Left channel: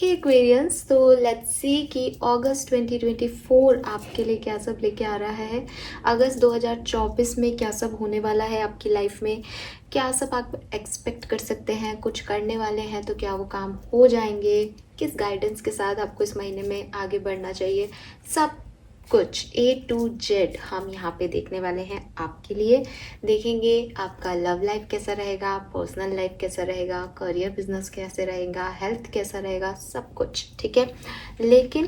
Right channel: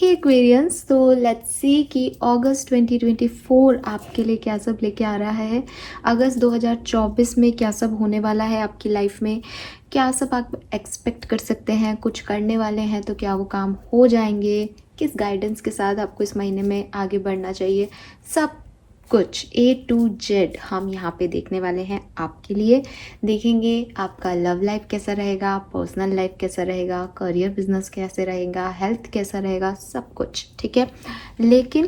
हे Aquarians, तो let's see कि अगस्त 2024 आपके लिए क्या सब लेके आ रहा है। अगस्त 2024 में क्या सब होने वाला है आपकी लाइफ में, क्या सब आप एक्सपेक्ट कर सकते हैं। कुछ करने वाले हैं तो क्या वो काम हो जाएंगे, किस गाइडेंस के साथ आपको इस महीने में आगे बढ़ना चाहिए, सब कुछ A to Z हम यहाँ पे देखने वाले हैं आपके लिए। देखेंगे आपका लव लाइफ कैसा रहेगा, पर्सनल लाइफ कैसा रहेगा, करियर बिजनेस कैसे रहेगा, हेल्थ कैसा रहेगा, सब कुछ ठीक है। लेकिन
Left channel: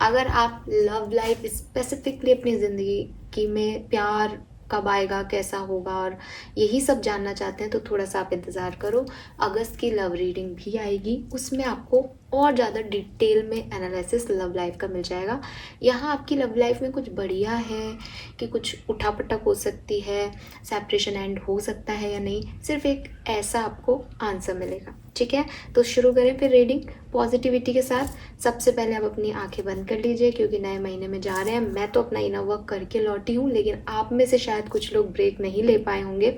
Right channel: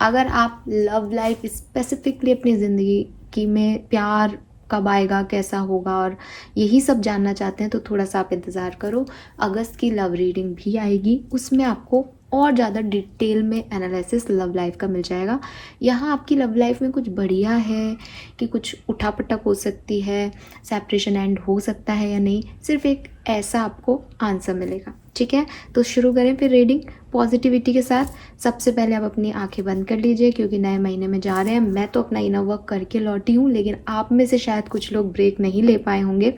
अगर आप लव लाइफ स्पेसिफिकली अपनी ज़िंदगी में प्यार कब आएगा, कैसा होगा और यही सब जानना चाहते हैं तो थोड़ा सा आप इंतज़ार करो। अगस्त की लव रीडिंग भी आएगी, उसमें आपको और ज़्यादा डिटेल में एनालिसिस लव लाइफ का मिल जाएगा। यहाँ आपकी लव लाइफ में कुछ बढ़िया है कि कुछ उठापटक हो सकती है, सेपरेशन एंड हो सकता है या नहीं, सिर्फ एक ऐसा आपको आंसर मिलेगा। ठीक है, तो शुरू करें फिर रीडिंग पॉजिटिविटी के साथ। सबसे पहले आप अपनी आंखें बंद कर लीजिए क्योंकि नए महीने में जा रहे हैं। मैं तो अपना इनर वर्क करके लौटी हूँ, लेकिन आप में से शायद कुछ लोग ब्रेक नहीं ले पाए होंगे,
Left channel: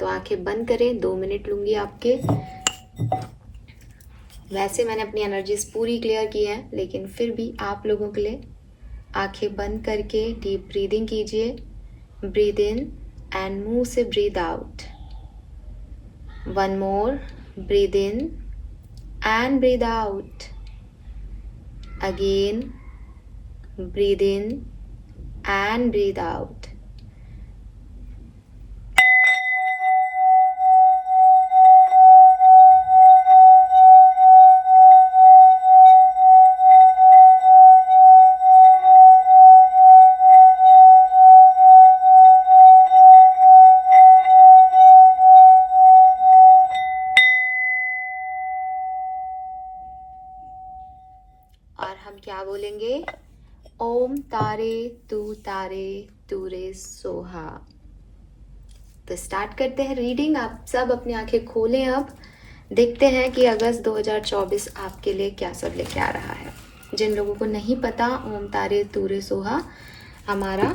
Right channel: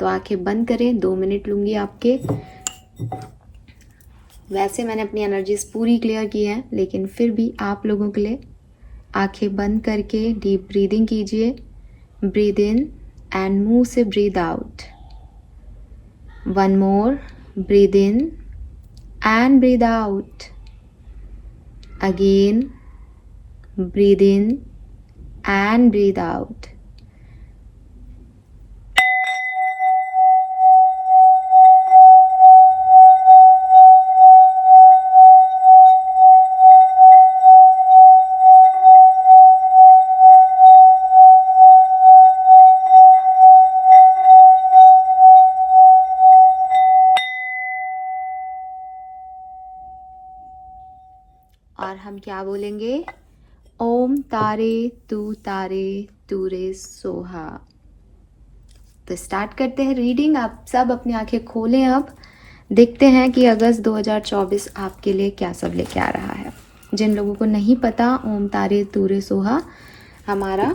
तो आंखें बंद करें। 2 मिनट लूँगी आपके। वैसे मैंने अपनी एनर्जीज पूरी क्लियर की है, लेकिन फिर भी आप लोगों के लिए आंखें बंद करके डीप ब्रीदिंग कीजिए। ब्रीद इन एंड मुंह से breathe out. 1 more, breathe in and breathe out. Again, breathe in and breathe out. और हम क्या बोलेंगे? ओम तारे तू रे सोहा। तो स्टार्ट करते हैं रीडिंग। आप सब अपनी आंखें खोलें। अब देखते हैं कि अगस्त 2024 आपके लिए क्या सब लेके आ रहा है। जिन लोगों को नहीं पता, ओम तारे तू रे सोहा हमारा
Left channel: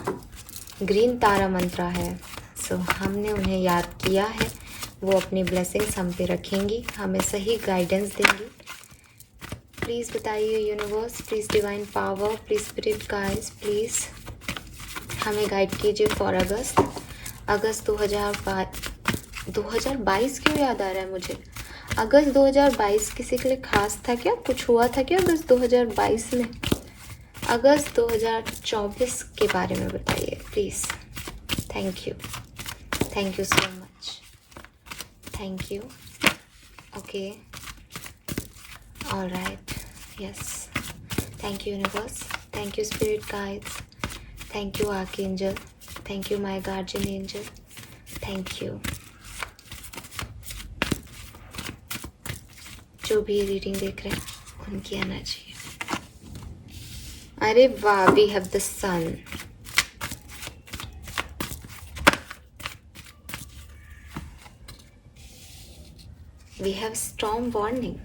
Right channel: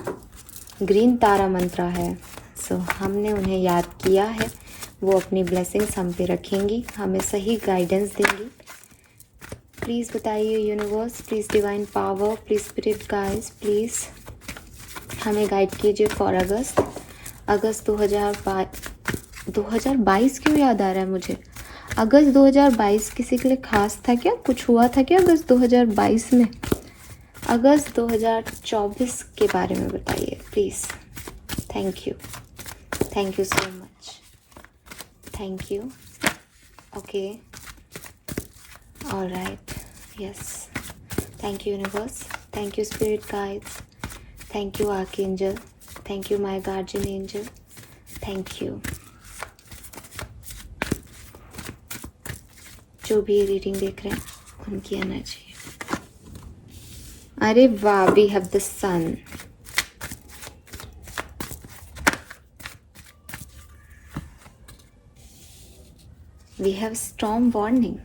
ग्रीन तारा मंत्र है। सो हमने उन्हें याद किया है, वो अपनी ब्लेसिंग्स हम पे रखेंगी, हमें सही गाइडेंस देंगी। प्लीज़ बताइए universe, please divine power, please spirit guides, please हमें गाइड कीजिए फॉर अगस्त 2022 क्यों याद आ रहा है मुझे? अगस्त 2022 किसी के लिए खास था क्या? कुछ हुआ था क्या अगस्त 2022 में? अगस्त 2024 के बारे में बताइए please. Thank you so much, thank you. Okay, alright, yes, thank you universe, thank you spirit guides, thank you archangel, thank you my guardian angel, thank you। जो भी ये रीडिंग देख रहे हैं उनकी एनर्जी। अरे वाह, we have the sun। we have storm warning।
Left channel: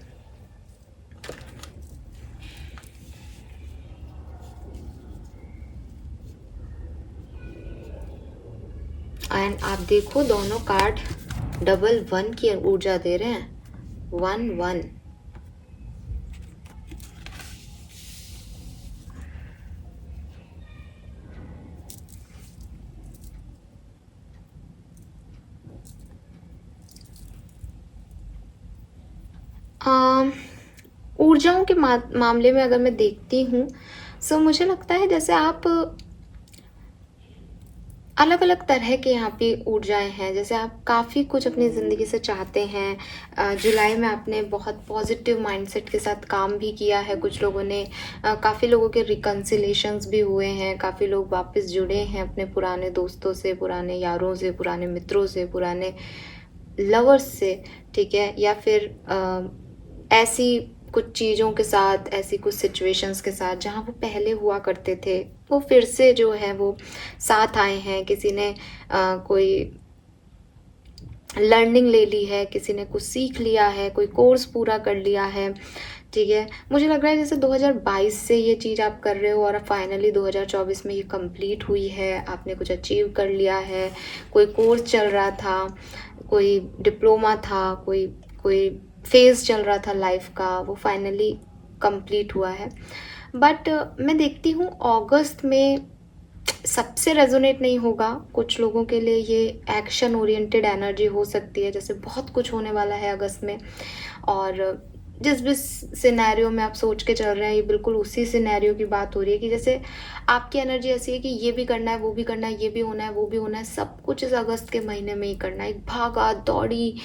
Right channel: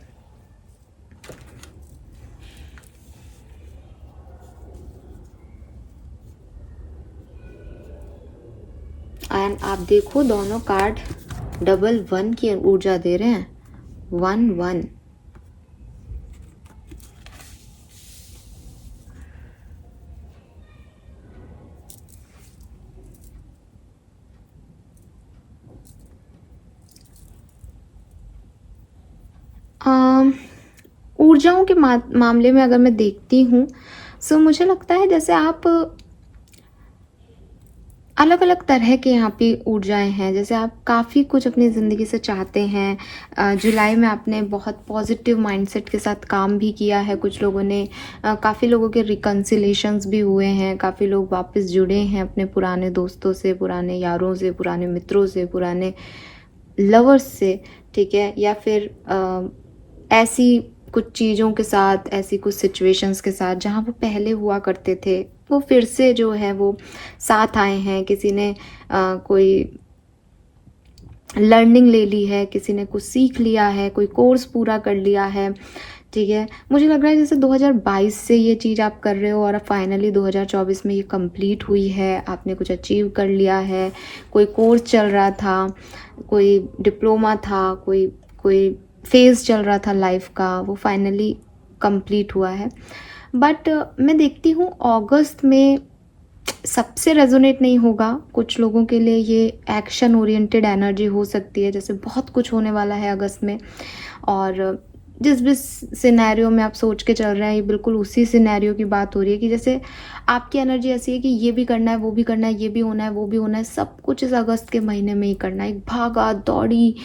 And आप देखो दोनों कार्ड डबल 1 की ऊर्जा दे रहे हैं। 1 ऊर्जाओं के मामले में अगर मैं देखती हूँ, सो मुझे लगता है जैसे आप अलग अलग तरह के यहाँ पे ऊर्जाएं हैं। जैसे आप काफ़ी कुछ अपनी ज़िंदगी से चाहते हैं। जुलाई में आपने बहुत पॉजिटिव माइंडसेट के साथ काम भी किया है। कुछ लोगों ने काफ़ी लोगों के रिकन्सिलेशंस भी हुए हैं। काफ़ी लोग वापस जुड़े हैं अपने पुराने दोस्तों से, पुराने यारों से, पुराने मित्रों से, पुराने लवर्स से, ठीक है। या फिर ऐसी कुछ चीज़ों के साथ, ऐसी कुछ सिचुएशंस के साथ जहाँ वो पहले हुआ करते थे, वो फिर से जो है वो साथ आए हैं। किसी ने कोई लर्निंग ले ली है, किसी ने कुछ सीख लिया है, कोई कोर्स पूरा कर लिया है, ठीक है। मुझे लग रहा है जैसे 2022 से ये चीज़ आप कर रहे हो और फाइनली 2024 में ये कंप्लीट हुई है। आपने कुछ अचीव कर लिया है। कोई कोर्स चल रहा था, कोई डिप्लोमा था, कोई फेज़ चल रहा था लाइफ का, वो फाइनली कंप्लीट हुआ है। बट मैं देखती हूँ अगस्त में सबसे रेजोनेट नहीं होगा, कुछ लोगों के लिए ये एक्शन ओरिएंटेड एनर्जी हो सकती है, जैसे बहुत कुछ होने वाला है अगस्त में। और जिस भी सिनेरियो में आप सोच के चल रहे हैं, ये बिल्कुल उसी सिनेरियो की बात हो रही है कि जैसे आपकी एनर्जी ऐसी है कि ये भी करना है, वो भी करना है, ये भी होना है, वो भी होना है, सब कुछ इस अगस्त के महीने में ही करना है। भागा दौड़ी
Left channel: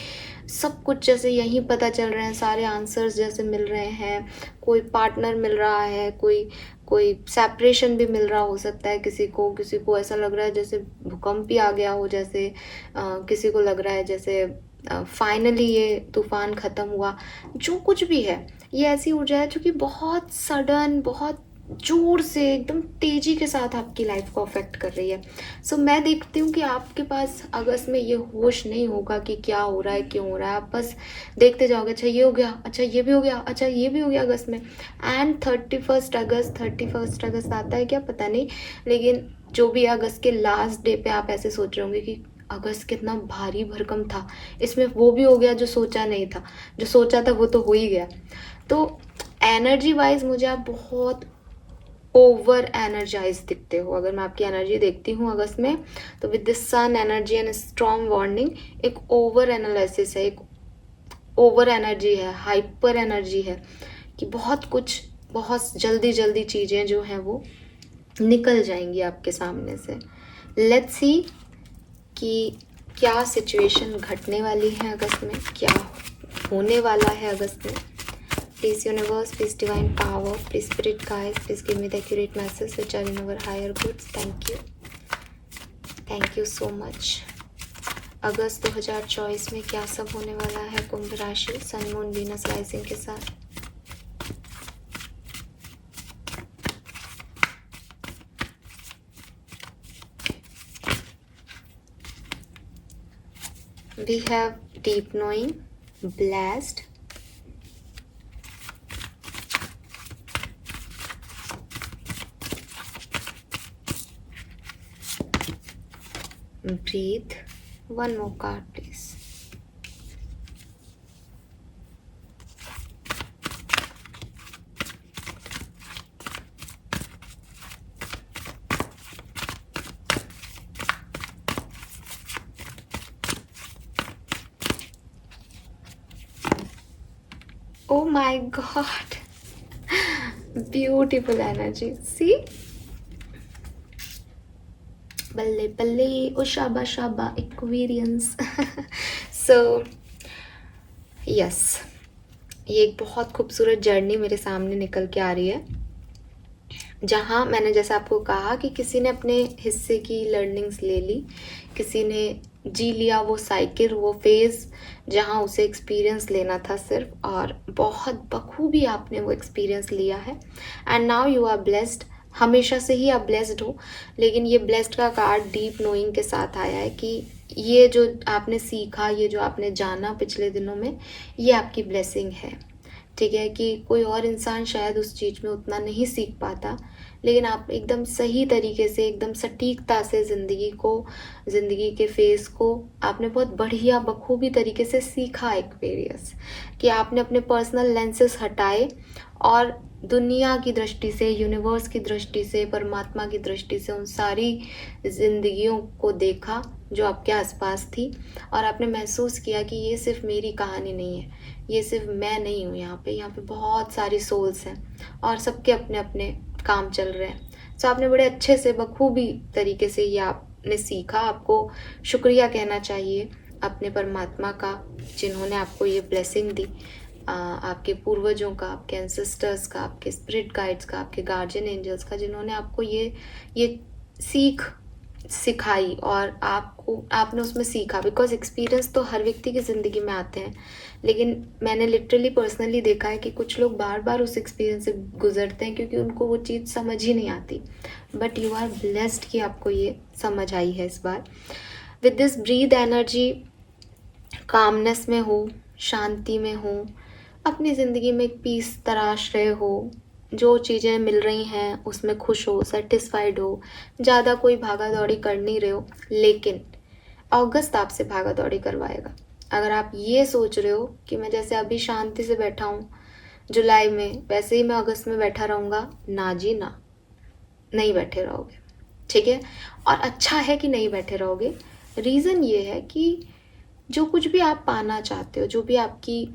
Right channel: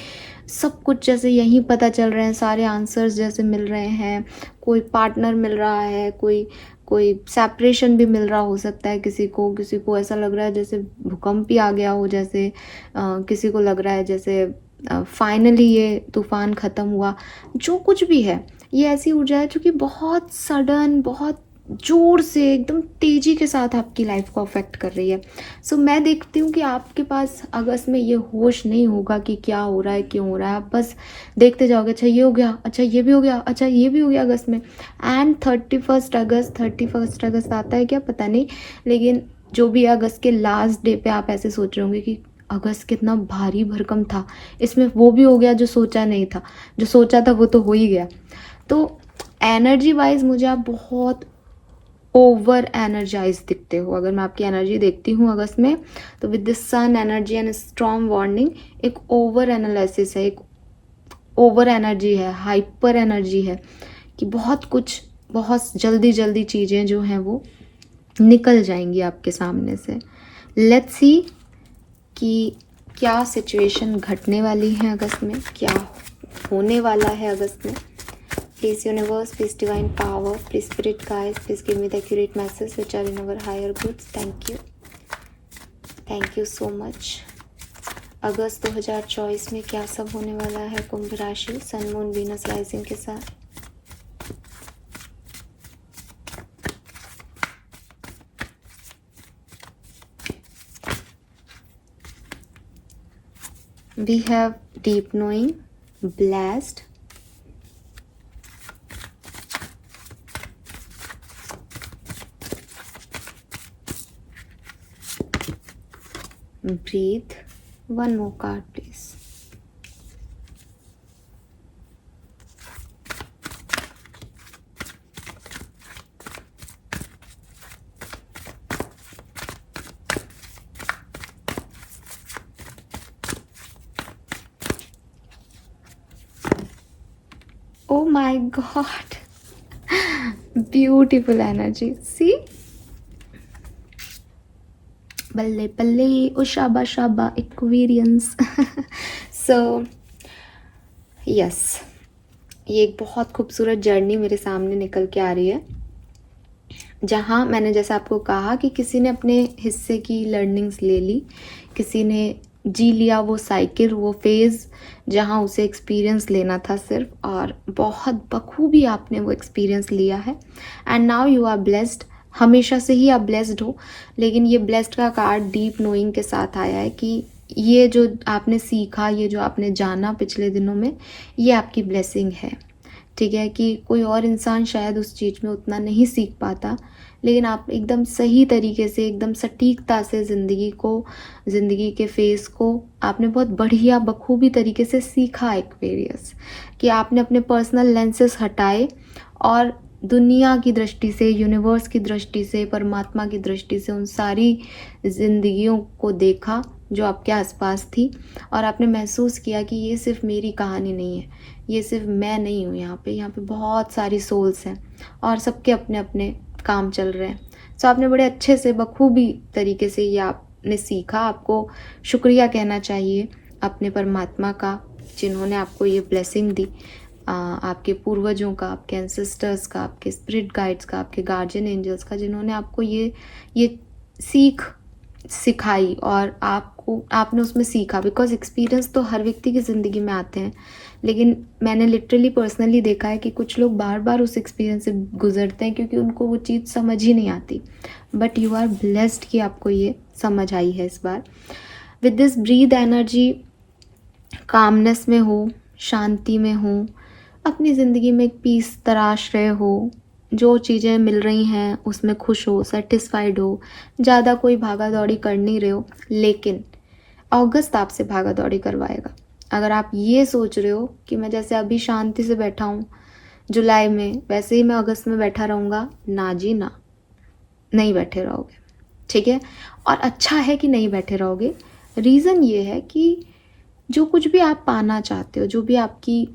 सब कुछ जैसे यहीं पता चल रहे हैं, सारे आंसर्स जैसे मिल रहे हैं, कोई पार्टनर मिल रहा है, कोई कोई सेपरेशन भी मिल रहा हो सकता है किसी को ऐसा लग रहा है जैसे भूकंप ही आ गया हो, जैसे किसी को लग रहा है जैसे फाइनली ये तूफान ख़त्म हुआ। जो कुछ भी है, ये ऐसी ऊर्जा है जो कि बहुत सडन, बहुत ज़ोर से, एकदम तेज़ी के साथ आपकी लाइफ को अफेक्ट कर रही है। सो मैं देखती हूँ कि आपके पास अगस्त में ये होश नहीं होगा कि क्या हो रहा है, क्यों हो रहा है। आप बस देखते जाओगे, अच्छा ये हो गया, अच्छा ये भी हो गया, अच्छा ये भी हो गया अगस्त में। एंड 31 अगस्त आता है क्या पता नहीं, लेकिन जो भी अगस्त के लास्ट डे पे आप ऐसे सोच रहे होंगे कि अगस्त कितना भारी भरकम था, इसमें वो भी हो गया जो सोचा नहीं था, जो सोचा था वो तो हो ही गया। तो एनर्जी वाइज मुझे आप बहुत ओवर एनर्जाइज दिखते हो। अगर मैं आपकी एनर्जी देखती हूँ अगस्त में, तो with the sun energy and strong warning, एक ओवर एनालिसिस है, एक ओवर एनर्जी है, हाइपर एनर्जी है कि बहुत कुछ, बहुत जल्दी जल्दी चीज़ें जो हैं वो निकल जाएंगी आपके सामने से। लेट्स सी कि क्या सिचुएशन घटने वाली है अगस्त में, क्या होने वाला है अगस्त में। Please universe, please divine power, please spirit guides, please give me the accurate message which are in our higher goods. Thank you so much. अगस्त 2024 में क्या सब होने वाला है कुंभ राशि, सन मून वीनस राइजिंग के साथ। We have deep knowing, blessed, breathe. One more card, please. Oh my God. Beautiful energy. See? बल्ले बल्ले, ओ शाबा शाबा, एक्वेरियंस। सो यस, ये एक बहुत खूबसूरत जर्नी मेरे सामने निकल के आ रही है, जहाँ मैंने जैसे आपको कहा कि किसी ने अपने हिस्से की लर्निंग्स ले ली, किसी ने जी लिया वो साइकिल, वो फेज़ जहाँ उसे एक्सपीरियंस लेना था सिर्फ, और बहुत बखूबी आपने वो एक्सपीरियंस लिया है। And now you are blessed. हमेशा से ही आप ब्लेस्ड हो, लेकिन ये ब्लेस्ड का कार्ड डीप नोइंग के साथ आया है कि ये जो आपने सीखा, ये जो आपने जाना पिछले दिनों में, ये आपकी ब्लेसिंग है। ठीक है कि कोई और इंसान शायद उस चीज़ में उतना नहीं सीख पाता, लेकिन आप एकदम सही तरीके से, एकदम सटीकता से ज़िंदगी के फेस को आपने बहुत बढ़िया बखूबी तरीके से सीखा एक्वेरियस, कि आपने अपने पर्सनल लेंसेस हटाए और दुनिया की दृष्टि से, यूनिवर्स की दृष्टि से, परमात्मा की दृष्टि से उन सारी जिंदगियों को देखा जो आपके आसपास थी, और आपने महसूस किया कि ये सिर्फ मेरी कहानी नहीं है, ये सिर्फ मैं नहीं हूँ यहाँ पे बहुत सारी सोल्स हैं और सबके अपने अपने काम चल रहे हैं। सो आपने बड़े अच्छे से, बखूबी तरीके से ये आपने सीखा। आपको शुक्रिया कहना चाहिए अपने परमात्मा का, जिन्होंने आपको ये ब्लेसिंग दी, आपके पूर्वजों का, आपके एंसेस्टर्स का, आपके स्पिरिट गाइड्स का, आपके गार्जियन एंजल्स का, जिन्होंने आपको ये सीख सिखाई और आपने उसमें सीखा। बिकॉज एक्सपीरियंस तो हर व्यक्ति की ज़िंदगी में आते हैं, लेकिन मैंने लिटरली पर्सनली देखा है कि कुछ लोग बार बार उस एक्सपीरियंस से गुजरते हैं क्योंकि उनको वो चीज़ समझ ही नहीं आती। बट यू आर ब्लेस्ड कि आपको ये समझ आई है इस बार। With this breath energy, calmness में हो, शांति में हो, अपनी ज़िंदगी में एक पीस तराश रहे हो, जो चीज़ें मिल रही हैं उसमें खुश हो, सेटिस्फाइड हो, ज़्यादा कोई भागा दौड़ी कर नहीं रहे हो। लेकिन अगस्त आपसे भागा दौड़ी करवाएगा। अगर आप ये सोच रहे हो कि मैं जैसे अभी शांति से बैठा हूँ जुलाई में, वैसे ही मैं अगस्त में बैठा रहूँगा, ना जी ना, नहीं बैठे रहोगे। ठीक है, और अच्छा है कि नहीं बैठे रहोगे। रीज़न ये है कि जो कुछ भी आप पाना चाहते हो, जो भी आपकी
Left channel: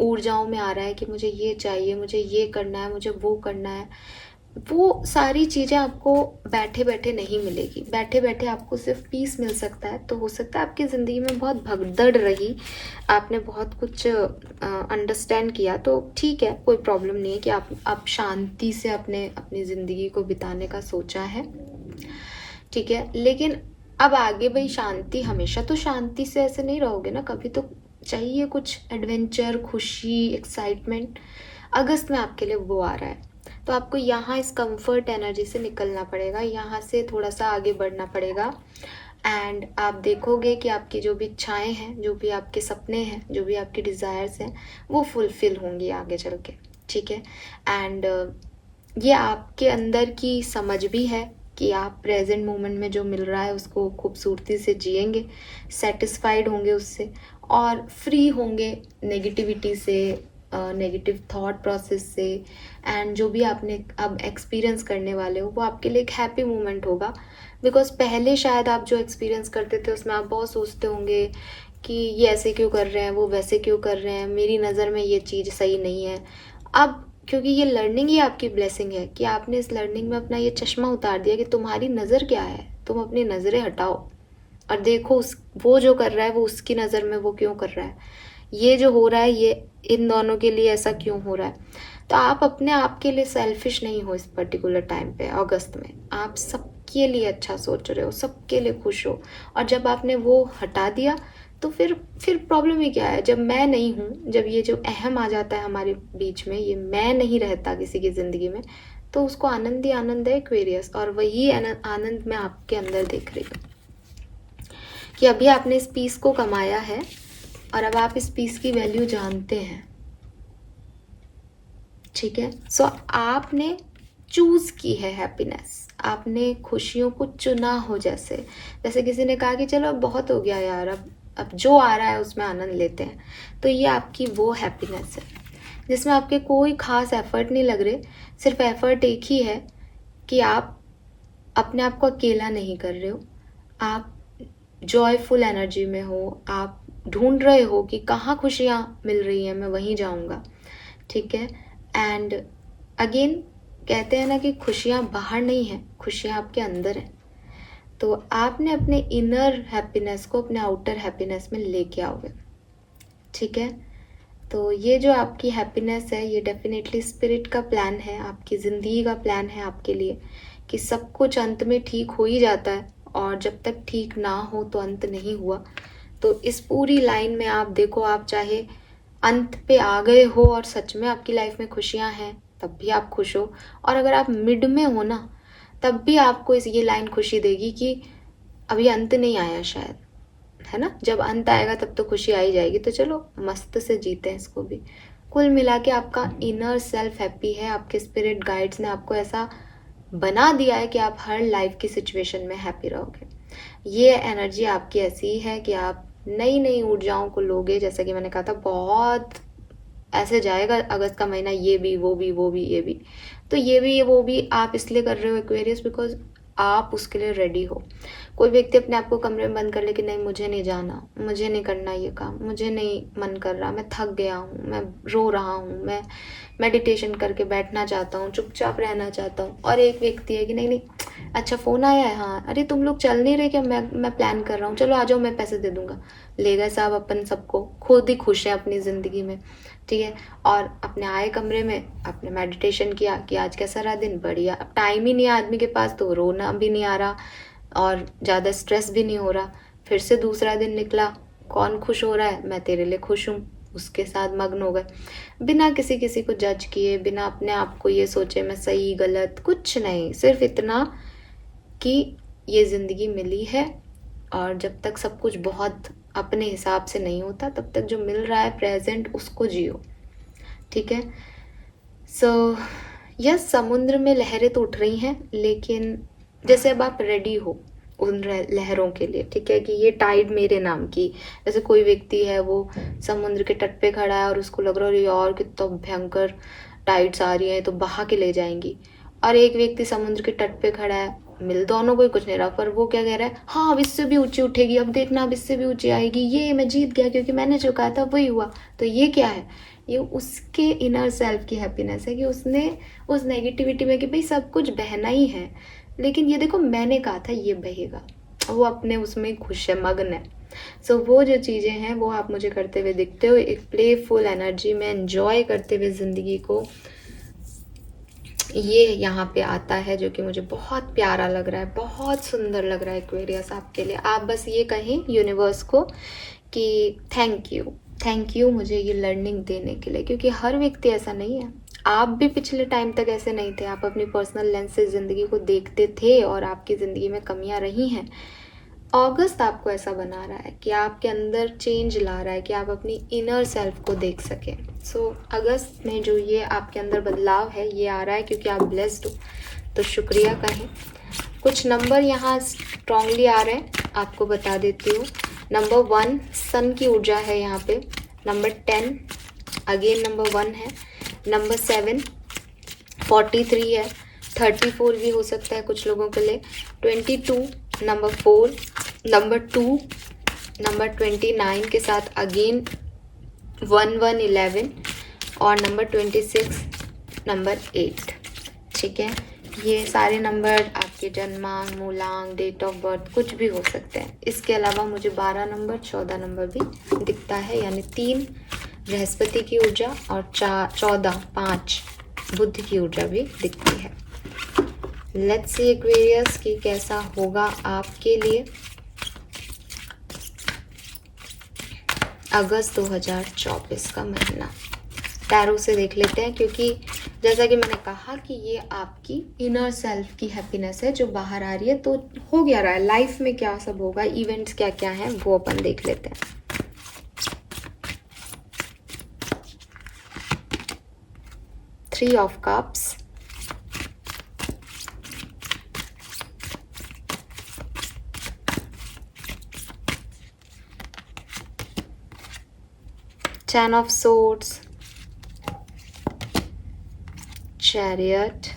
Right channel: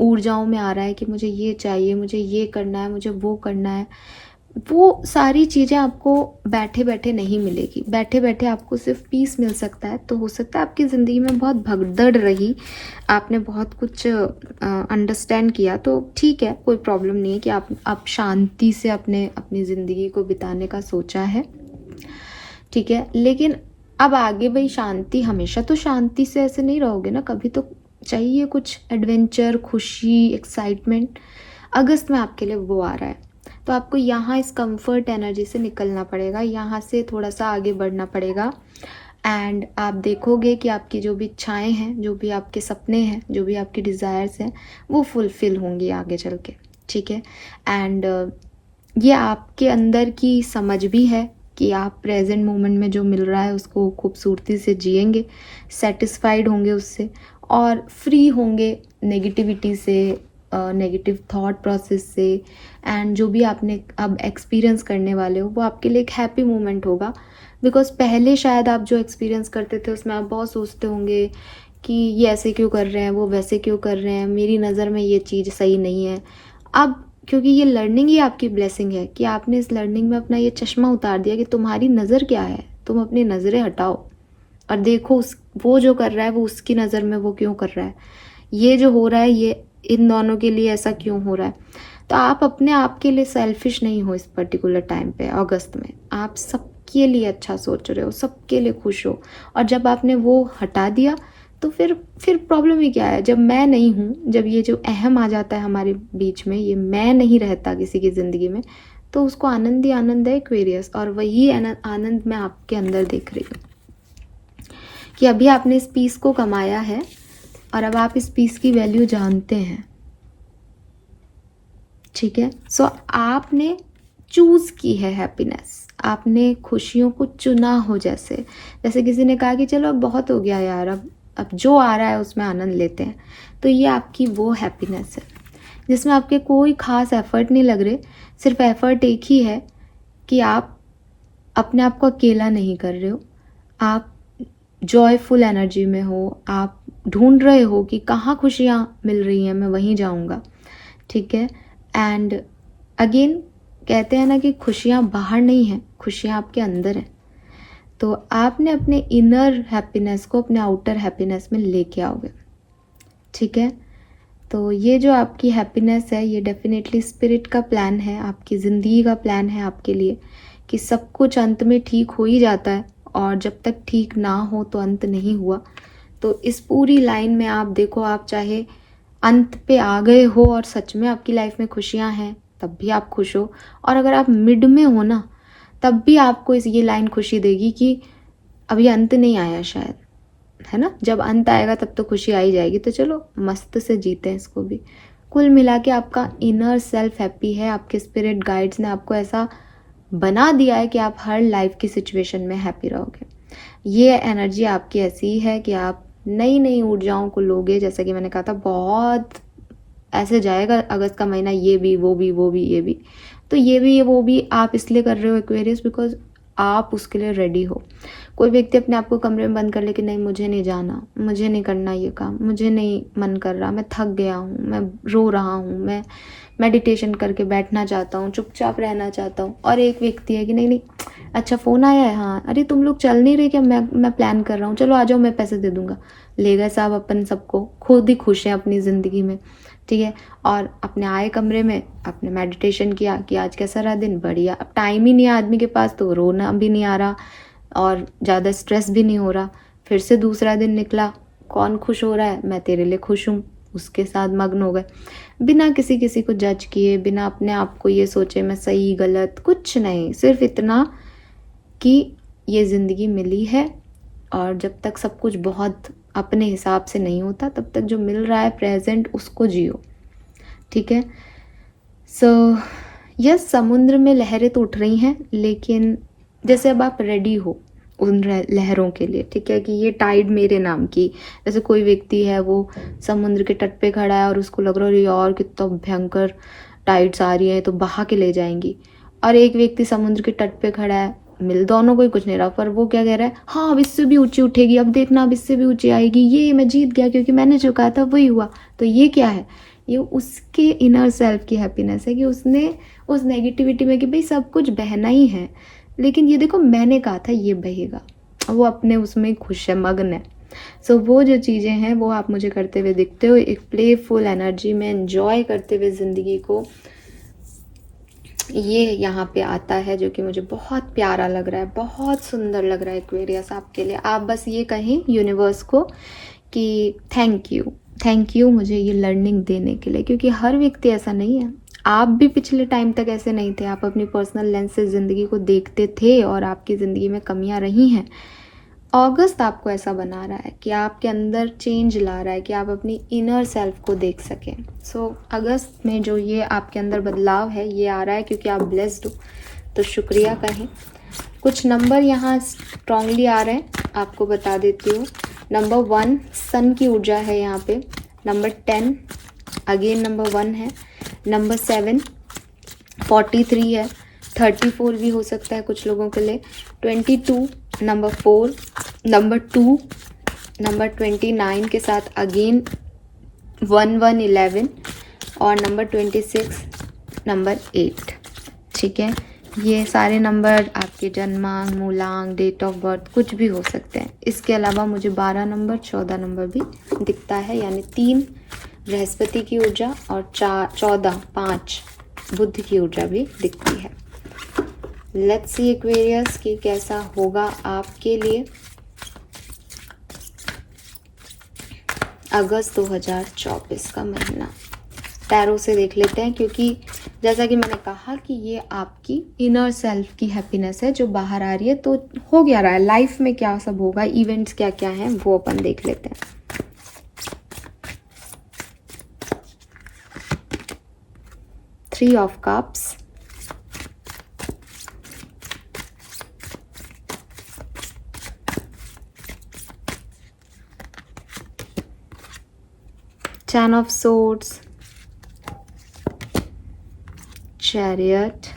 ऊर्जाओं में आ रहा है कि मुझे ये चाहिए, मुझे ये करना है, मुझे वो करना है, वो सारी चीज़ें आपको बैठे बैठे नहीं मिलेगी। बैठे बैठे आपको सिर्फ पीस मिल सकता है। तो हो सकता है आपकी ज़िंदगी में बहुत भगदड़ रही, आपने बहुत कुछ अंडरस्टैंड किया, तो ठीक है, कोई प्रॉब्लम नहीं है कि आप शांति से अपनी ज़िंदगी को बिताने का सोचा है। ठीक है, लेकिन अब आगे भाई शांति, हमेशा तो शांति से ऐसे नहीं रहोगे ना, कभी तो चाहिए कुछ एडवेंचर, खुशी, एक्साइटमेंट। अगस्त में आपके लिए वो आ रहा है, तो आपको यहाँ इस कंफर्ट एनर्जी से निकलना पड़ेगा, यहाँ से थोड़ा सा आगे बढ़ना पड़ेगा। एंड आप देखोगे कि आपकी जो भी इच्छाएं हैं, जो भी आपके सपने हैं, जो भी आपके डिज़ायर्स हैं, वो फुलफिल होंगी आगे चल के। ठीक है, एंड ये आपके अंदर की समझ भी है कि आप प्रेजेंट मोमेंट में जो मिल रहा है उसको खूबसूरती से जिएंगे, सेटिस्फाइड होंगे उससे, और फ्री होंगे नेगेटिविटी से, नेगेटिव थॉट प्रोसेस से। एंड जो भी आपने अब एक्सपीरियंस करने वाले हो वो आपके लिए एक हैप्पी मोमेंट होगा। बिकॉज पहले शायद आप जो एक्सपीरियंस करते थे उसमें आप बहुत सोचते होंगे कि ये ऐसे क्यों कर रहे हैं, वो वैसे क्यों कर रहे हैं, मेरी नज़र में ये चीज़ सही नहीं है। अब क्योंकि ये लर्निंग ही आपकी ब्लेसिंग है कि आपने इस लर्निंग में अपना ये चश्मा उतार दिया कि तुम्हारी नज़र क्या है, तुम अपनी नज़रें हटाओ और देखो वो जो कर रहा है वो उसकी नज़र में वो क्यों कर रहा है, ये जो हो रहा है ये इन दोनों के लिए ऐसा क्यों हो रहा है। तो आप अपने आप के लिए सेल्फिश नहीं हो इस पर्टिकुलर टाइम पे, अगस्त में आप सबके लिए अच्छा सोच रहे हो, सबके लिए खुश हो। और जब आपने वो हटा दिया तो फिर प्रॉब्लम ही क्या है। जब मैं नहीं हूँ, जब ये जो अहम आ जाता है हमारे बीच में, ये मैं नहीं रहता किसी की ज़िंदगी में, तो उसको आनंद ही आनंद है एक्वेरियस। और वही आनंद मैं आपके अंदर देख रही हूँ कि अभी आपने इस पीस को कमाया है और अब आप इस पीस की वैल्यू जानते हैं। ठीक है, सो आपने चूज की है हैप्पीनेस, आपने खुशियों को चुना हो। जैसे जैसे किसी ने कहा कि चलो अब बहुत हो गया यार, अब जो आ रहा है उसमें आनंद लेते हैं। तो ये आपकी वो हैप्पीनेस है जिसमें आपके कोई खास एफर्ट नहीं लग रहे। सिर्फ एफर्ट एक ही है कि आप अपने आप को अकेला नहीं कर रहे हो, आप जॉयफुल एनर्जी में हो, आप ढूंढ रहे हो कि कहाँ खुशियाँ मिल रही हैं, मैं वहीं जाऊँगा। ठीक है, एंड अगेन कहते हैं ना कि खुशियाँ बाहर नहीं हैं, खुशियाँ आपके अंदर है। तो आपने अपने इनर हैप्पीनेस को अपने आउटर हैप्पीनेस में लेके आओगे। ठीक है, तो ये जो आपकी हैप्पीनेस है ये डेफिनेटली स्पिरिट का प्लान है, आपकी ज़िंदगी का प्लान है आपके लिए, कि सब कुछ अंत में ठीक हो ही जाता है, और जब तक ठीक ना हो तो अंत नहीं हुआ। तो इस पूरी लाइन में आप देखो, आप चाहे अंत पे आ गए हो और सच में आपकी लाइफ में खुशियां हैं तब भी आप खुश हो, और अगर आप मिड में हो ना तब भी आपको ये लाइन खुशी देगी कि अभी अंत नहीं आया शायद, है ना। जब अंत आएगा तब तो खुशी आ ही जाएगी। तो चलो मस्त से जीते हैं इसको भी। कुल मिला के आपका इनर सेल्फ हैप्पी है, आपके स्पिरिट गाइड्स ने आपको ऐसा बना दिया है कि आप हर लाइफ की सिचुएशन में हैप्पी रहोगे। ये एनर्जी आपकी ऐसी है कि आप नई नई ऊर्जाओं को लोगे। जैसा कि मैंने कहा था, बहुत ऐसे जाएगा अगस्त का महीना, ये भी वो भी वो भी ये भी, तो ये भी ये वो भी आप इसलिए कर रहे हो एक्वेरियस बिकॉज आप उसके लिए रेडी हो। कोई व्यक्ति अपने आप को कमरे में बंद कर ले कि नहीं मुझे नहीं जाना, मुझे नहीं करना ये काम, मुझे नहीं मन कर रहा, मैं थक गया हूँ, मैं रो रहा हूँ, मैं मेडिटेशन करके बैठना चाहता हूँ, चुपचाप रहना चाहता हूँ। और एक व्यक्ति है कि नहीं नहीं, अच्छा फ़ोन आया है, हाँ अरे तुम लोग चल नहीं रहे क्या, मैं प्लान कर रहा हूँ, चलो आ जाओ मैं पैसे दे दूँगा। ले गए साहब अपन सबको, खुद ही खुश हैं अपनी ज़िंदगी में। ठीक है, और अपने आए कमरे में, अपने मेडिटेशन किया कि आज कैसा रहा दिन, बढ़िया। अब टाइम ही नहीं है आदमी के पास तो रोना भी नहीं आ रहा और ज़्यादा स्ट्रेस भी नहीं हो रहा। फिर से दूसरा दिन निकला, कौन खुश हो रहा है, मैं तेरे लिए खुश हूँ, उसके साथ मग्न हो गए, बिना किसी को जज किए, बिना अपने आप को ये सोचे मैं सही गलत, कुछ नहीं, सिर्फ इतना कि ये ज़िंदगी मिली है और जब तक सब कुछ बहुत अपने हिसाब से नहीं होता तब तक जो मिल रहा है प्रेजेंट उसको जियो। ठीक है, सो यस, समुद्र में लहरें तो उठ रही हैं, लेकिन जैसे अब आप रेडी हो, उन लहरों के लिए, ठीक है, कि ये टाइड मेरे नाम की। जैसे कोई व्यक्ति है वो समुद्र के तट पे खड़ा है और उसको लग रहा है यार कितना भयंकर टाइड्स आ रही है तो बहा के ले जाएंगी, और एक व्यक्ति समुद्र के तट पे खड़ा है, मिल दोनों को ही कुछ नहीं रहा, पर वो क्या कह रहा है, हाँ अब इससे भी ऊंची उठेगी, अब देखना अब इससे भी ऊंची आएगी, ये मैं जीत गया क्योंकि मैंने जो कहा था वही हुआ। तो ये क्या है, ये उसके इनर सेल्फ की हैप्पीनेस है कि उसने उस नेगेटिविटी में कि भाई सब कुछ बहना ही है, लेकिन ये देखो मैंने कहा था ये बहेगा, वो अपने उसमें खुश है, मगन है। सो वो जो चीज़ें हैं वो आप मुझे करते हुए दिखते हो, एक प्लेफुल एनर्जी में एंजॉय करते हुए ज़िंदगी को, ये यहाँ पे आता है जो कि मुझे बहुत प्यारा लग रहा है, बहुत सुंदर लग रहा है एक्वेरियस आपके लिए। आप बस ये कहें यूनिवर्स को कि थैंक यू मुझे ये लर्निंग देने के लिए, क्योंकि हर व्यक्ति ऐसा नहीं है। आप भी पिछले टाइम तक ऐसे नहीं थे, आप अपनी पर्सनल लेंस से ज़िंदगी को देखते थे और आपकी ज़िंदगी में कमियां रही हैं। अगस्त आपको ऐसा बना रहा है कि आपके अंदर चेंज ला रहा है कि आप अपनी इनर सेल्फ को देख सकें। सो अगस्त में जो ये आपके अंदर बदलाव है ये आ रहा है क्योंकि आप ब्लेस्ड हो, तो शुक्रिया कहें। कुछ नंबर यहाँ स्ट्रांगली आ रहे हैं, आपको बता देती हूँ। नंबर 1 सन की ऊर्जा है यहाँ पे, नंबर 10 अगेन नंबर 1 है, नंबर 7 43 है, 34 भी हो सकता है कुछ लोगों के लिए, 22 नंबर 4, नंबर 2, नंबर 29 के साथ अगेन 11 और नंबर 26 नंबर 8, ठीक है। ये सारे नंबर आपके जन्मांक, मूलांक, डेट ऑफ बर्थ कुछ भी हो सकते हैं। इसके अलावा मुझे 12 नंबर 14 नंबर भी दिखता है, यानी 3 बृहस्पति की ऊर्जा और 14 5 बुध की ऊर्जा भी दिखती है। लेट्स सी एक्वेरियस कि कैसा होगा आपके लिए अगस्त 2024 का महीना। टैरो से देख लेते हैं, क्योंकि जैसा कि मैंने कहा कि ये आपकी इनर सेल्फ की हैप्पीनेस है जो बाहर आ रही है। तो हो क्या रहा है लाइफ में, क्या सब होगा, इवेंट्स क्या क्या हैं वो अपन देख लेते हैं। Three of cups, Ten of Swords, Chariot,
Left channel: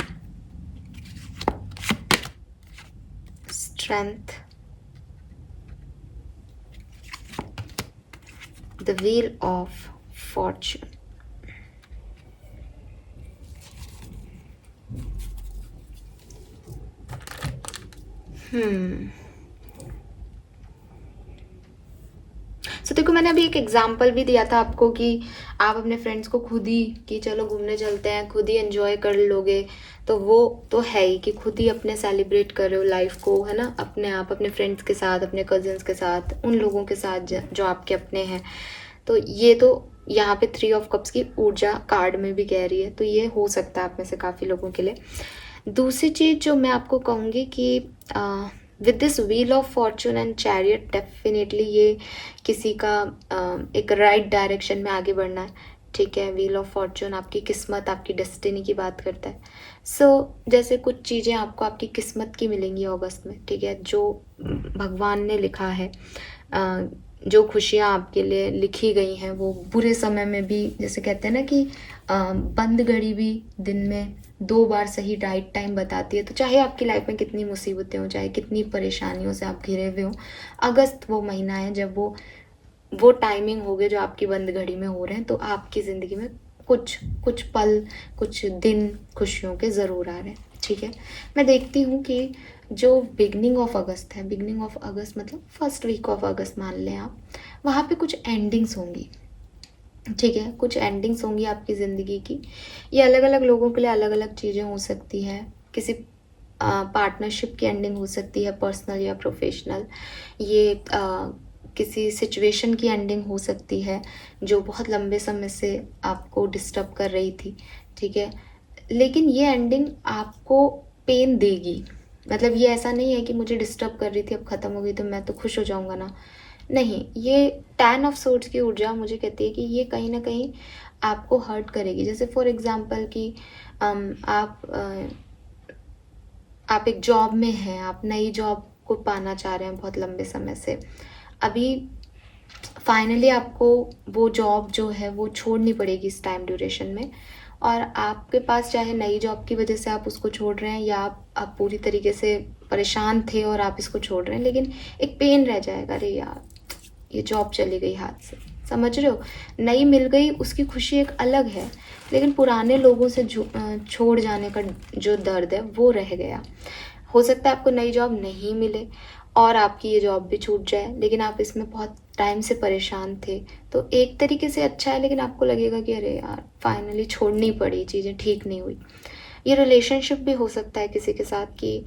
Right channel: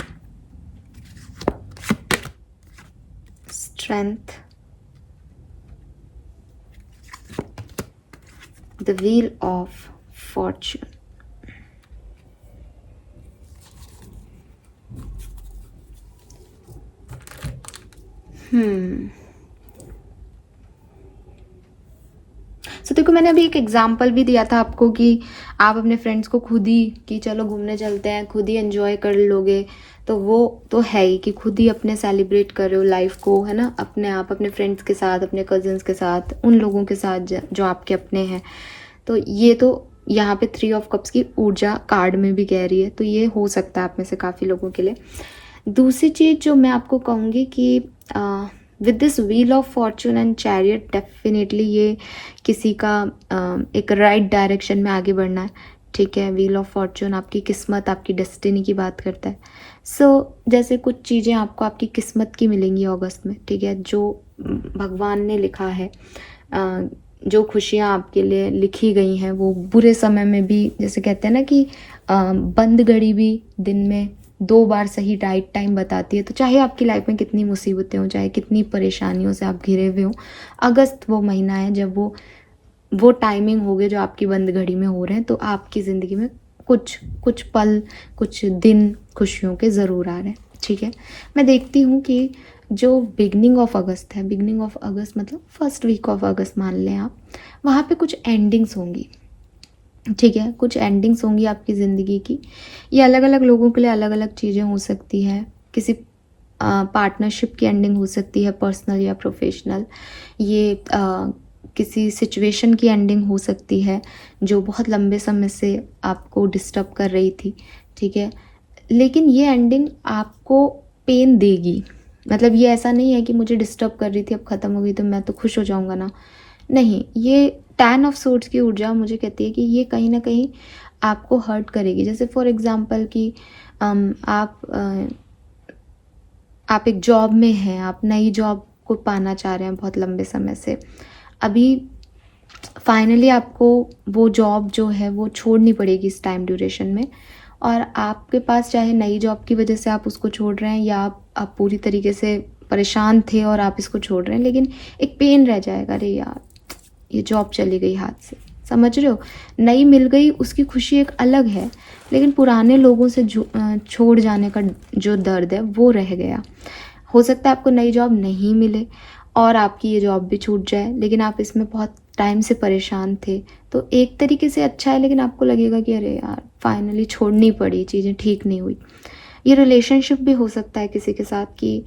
Strength, the Wheel of Fortune. तो देखो मैंने अभी एक एग्जाम्पल भी दिया था आपको कि आप अपने फ्रेंड्स को खुद ही कि चलो घूमने चलते हैं, खुद ही एंजॉय कर लोगे, तो वो तो है ही कि खुद ही अपने सेलिब्रेट कर रहे हो लाइफ को, है ना, अपने आप अपने फ्रेंड्स के साथ, अपने कजिन्स के साथ, उन लोगों के साथ जो आपके अपने हैं। तो ये तो यहाँ पे 3 ऑफ कप्स की ऊर्जा कार्ड में भी कह रही है, तो ये हो सकता है आप में से काफ़ी लोगों के लिए। दूसरी चीज़ जो मैं आपको कहूँगी कि with this wheel of Fortune and chariot, definitely ये किसी का एक राइट डायरेक्शन में आगे बढ़ना है, ठीक है। व्हील ऑफ फॉर्चून आपकी किस्मत, आपकी डेस्टिनी की बात करता है। जैसे कुछ चीज़ें आपको आपकी किस्मत की मिलेंगी अगस्त में, ठीक है, जो भगवान ने लिखा है, जो खुशियाँ आपके लिए लिखी गई हैं वो बुरे समय में भी, जैसे कहते हैं ना कि बंद घड़ी भी दिन में 2 बार सही राइट टाइम बताती है। तो चाहे आपकी लाइफ में कितनी मुसीबतें हों, चाहे कितनी परेशानियों से आप घिरे हुए हों, अगस्त वो महीना है जब वो टाइमिंग हो गए जो आपकी बंद घड़ी में हो रहे हैं, तो आपकी ज़िंदगी में कुछ पल, कुछ दिन खुशियों के ज़रूर आ रहे हैं, ठीक है। मैं देखती हूँ कि जो बिगनिंग ऑफ अगस्त है, बिगनिंग ऑफ अगस्त मतलब फर्स्ट वीक ऑफ अगस्त मान लें आप, वहाँ पे कुछ एंडिंग्स होंगी, ठीक है, कुछ एंडिंग्स होंगी आपकी ज़िंदगी की। ये अलग अलग लोगों के लिए अलग अलग चीज़ें हो सकती है। किसी पार्टनरशिप की एंडिंग हो सकती है, पर्सनल या प्रोफेशनल। ये किसी सिचुएशन की एंडिंग हो सकती है जो बहुत लंबे समय से आपको डिस्टर्ब कर रही थी, ठीक है। लेकिन ये एंडिंग आपको पेन देगी, मतलब ये ऐसा नहीं है कि मुझे डिस्टर्ब कर रही थी अब ख़त्म हो गई तो मैं तो खुश हो जाऊँगा ना, नहीं। ये 10 ऑफ सूट्स की ऊर्जा मुझे कहती है कि ये कहीं ना कहीं आपको हर्ट करेगी। जैसे फॉर एग्जांपल कि आप एक जॉब में हैं, आप नई जॉब को पाना चाह रहे हैं बहुत लंबे समय से। अभी फाइनली आपको वो जॉब जो है वो छोड़नी पड़ेगी इस टाइम ड्यूरेशन में, और आपके पास चाहे नई जॉब की वजह से आप उसको छोड़ रहे हैं, या आप पूरी तरीके से परेशान थे और आप इसको छोड़ रहे हैं, लेकिन एक पेन रह जाएगा, अरे यार ये जॉब चली गई हाथ से, समझ रहे हो। नई मिल गई उसकी खुशी एक अलग है, लेकिन पुराने लोगों से छोड़ जाने का जो दर्द है वो रह गया। हो सकता है आपको नई जॉब नहीं मिले और आपकी ये जॉब भी छूट जाए, लेकिन आप इसमें बहुत टाइम से परेशान थे, तो एक तरीके से अच्छा है, लेकिन आपको लगेगा कि अरे यार फाइनली छोड़नी पड़ी, चीज़ें ठीक नहीं हुई। ये रिलेशनशिप भी हो सकता है किसी के साथ कि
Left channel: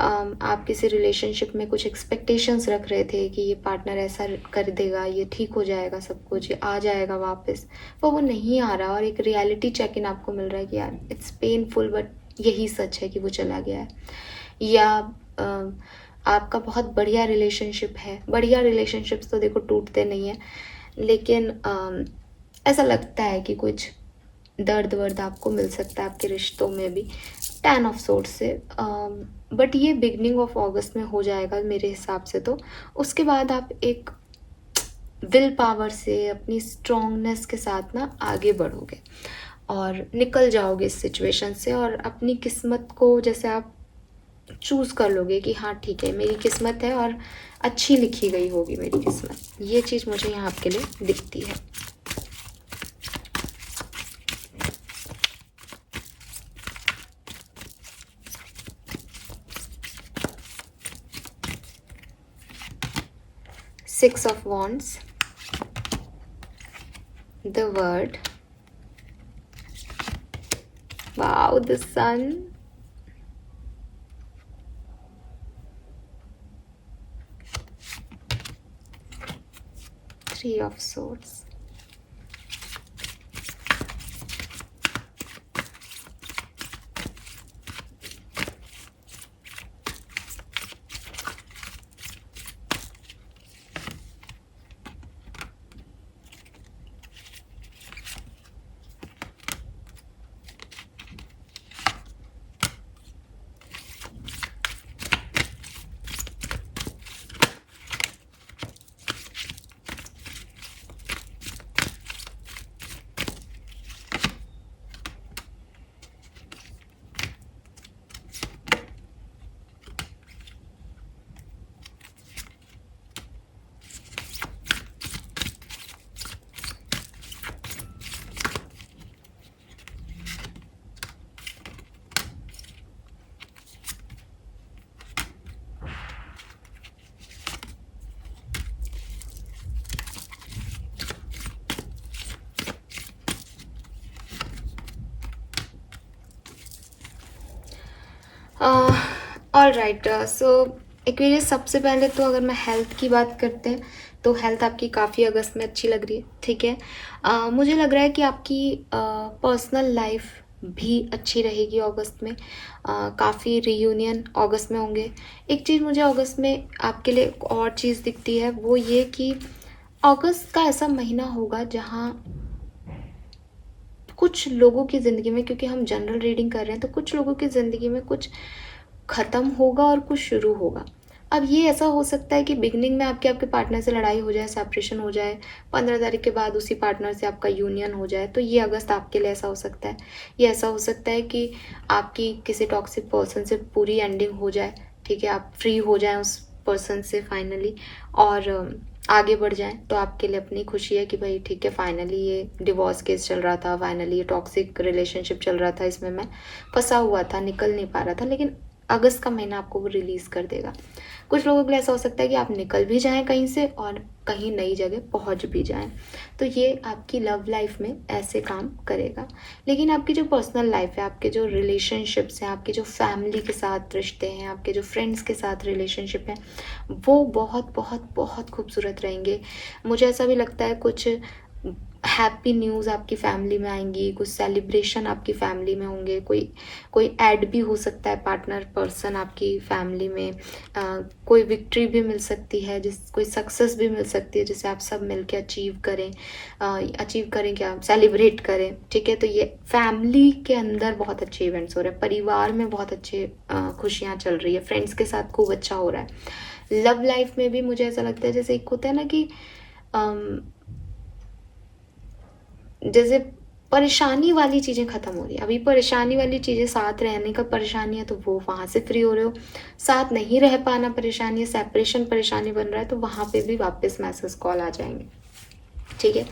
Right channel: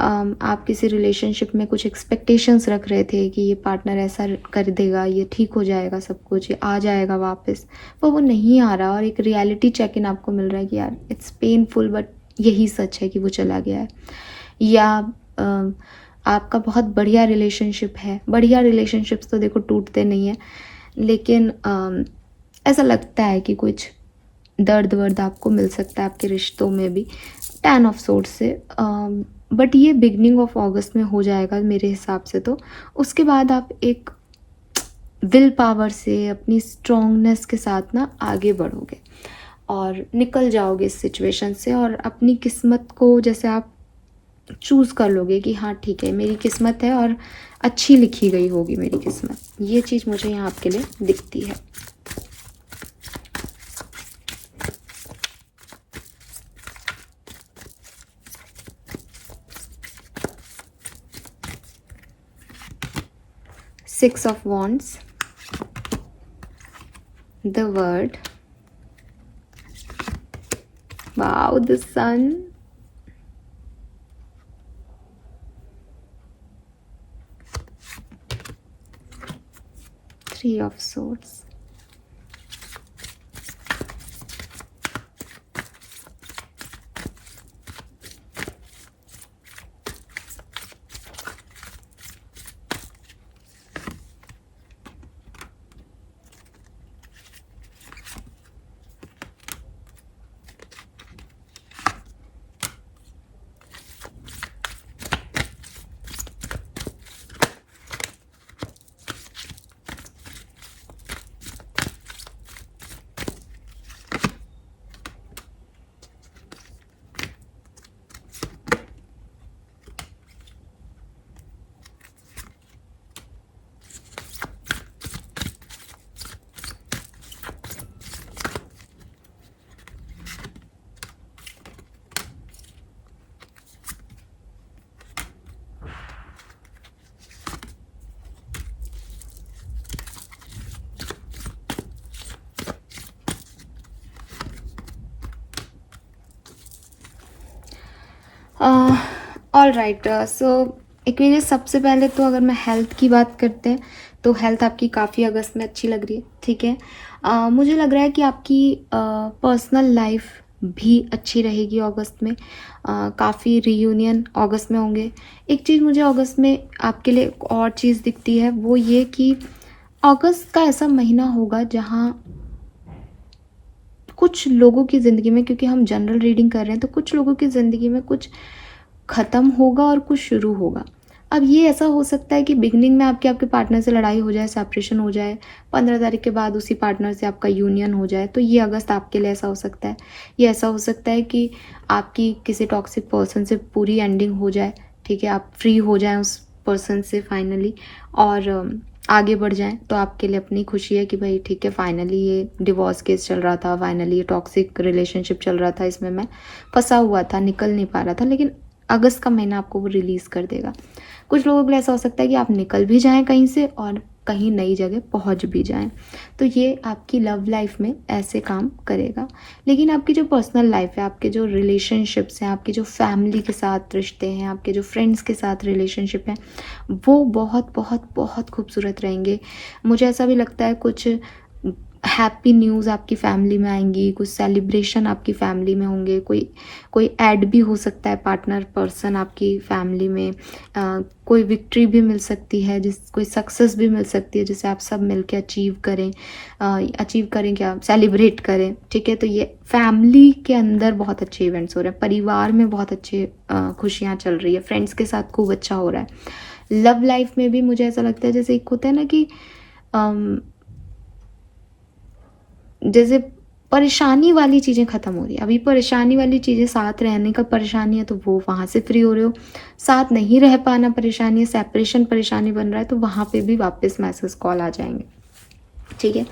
आप किसी रिलेशनशिप में कुछ एक्सपेक्टेशंस रख रहे थे कि ये पार्टनर ऐसा कर देगा, ये ठीक हो जाएगा, सब कुछ ये आ जाएगा वापस, पर वो नहीं आ रहा, और एक रियलिटी चेक इन आपको मिल रहा है कि यार इट्स पेनफुल बट यही सच है कि वो चला गया है। या आपका बहुत बढ़िया रिलेशनशिप है, बढ़िया रिलेशनशिप्स तो देखो टूटते नहीं हैं, लेकिन ऐसा लगता है कि कुछ दर्द वर्द आपको मिल सकता है आपके रिश्तों में भी, 10 ऑफ सोर्स से। बट ये बिगनिंग ऑफ अगस्त में हो जाएगा मेरे हिसाब से। तो उसके बाद आप एक विल पावर से, अपनी स्ट्रॉन्गनेस के साथ ना आगे बढ़ोगे और निकल जाओगे इस सिचुएशन से, और अपनी किस्मत को जैसे आप चूज़ कर लोगे कि हाँ ठीक है मेरी किस्मत है और अच्छी लिखी गई होगी मेरी किस्मत। ये चीज़ मुझे यहाँ आपके लिए दिखती है। Six of Wands, the World, wow, the Sun, Three of Swords, all right. So Aquarius, सबसे पहले तो अगर मैं हेल्थ की बात करते हैं तो हेल्थ आपकी काफ़ी अगस्त में अच्छी लग रही है, ठीक है। मुझे लग रहा है कि आपकी पर्सनल लाइफ भी अच्छी रहेगी अगस्त में। काफ़ी रीयूनियन अगस्त में होंगे। एक चीज़ मुझे अगस्त में आपके लिए और चीज़ दिखती है, वो ये कि अगस्त का ऐसा महीना होगा जहाँ कुछ लोगों की ज़िंदगी में, क्योंकि हम जनरल रीडिंग कर रहे हैं, तो कुछ लोगों की ज़िंदगी में कुछ ख़त्म होगा और कुछ शुरू होगा। अब ये ऐसा हो सकता है कि बिगनिंग में आपके पार्टनर से लड़ाई हो जाए, सेपरेशन हो जाए, 15 तारीख के बाद उसी पार्टनर से आपका यूनियन हो जाए, तो ये अगस्त आपके लिए ऐसा हो सकता है। ये ऐसा हो सकता है कि आपकी किसी टॉक्सिक पर्सन से पूरी एंडिंग हो जाए, ठीक है, आप फ्री हो जाएं उस पर्सन से फाइनली और आगे बढ़ जाएं। तो आपके लिए अपनी खुशी है कि भाई ठीक है, फाइनली ये डिवोर्स केस चल रहा था, फाइनली ये टॉक्सिक रिलेशनशिप चल रहा था, इसमें मैं फंसा हुआ था, निकल नहीं पा रहा था, लेकिन अगस्त का महीना आपको वो रिलीज़ कर देगा। कुछ लोगों के लिए ऐसा हो सकता है कि आप निकल भी जाएं कहीं से और कहीं नई जगह पहुंच भी जाएं, तो ये आपकी लव लाइफ में ऐसे काम करेगा। लेकिन आपकी जो पर्सनल लाइफ है, आपके जो रिलेशनशिप्स हैं, आपके जो फैमिली के साथ रिश्ते हैं, आपके जो फ्रेंड्स के साथ रिलेशनशिप हैं, वो बहुत बहुत बहुत खूबसूरत रहेंगे। मुझे ऐसा भी लगता है कुछ हैप्पी न्यूज़ आपकी फैमिली में आएंगी, कुछ सेलिब्रेशन आपकी फैमिली में होंगे, कोई कोई ऐड भी हो सकता है पार्टनर पर्सन आपकी फैमिली में, कोई विक्ट्री भी मिल सकती है, कोई सक्सेस भी मिल सकती है जिसे आप सब मिलकर अचीव करें, क्या सेलिब्रेट करें, ठीक है। तो ये फैमिली के अंदर बहुत अच्छे इवेंट्स हो रहे हैं, परिवार में बहुत अच्छे खुशियाँ चल रही है, फ्रेंड्स के साथ खूब अच्छा हो रहा है। लव लाइफ में भी मुझे ऐसा लगता है जैसे एक होता है ना कि जैसे परेशानी वाली चीज़ें ख़त्म हो रही है। अभी परेशानी वाली चीज़ें, साथ रहने का परेशानी है तो वो वहाँ से फ्री हो रहे हो, साथ नहीं रह पाना परेशानी है, सेपरेशन परेशानी बन रहा है तो वहाँ पे भी वापस मैसेज कॉल आ जाएंगे, ठीक है।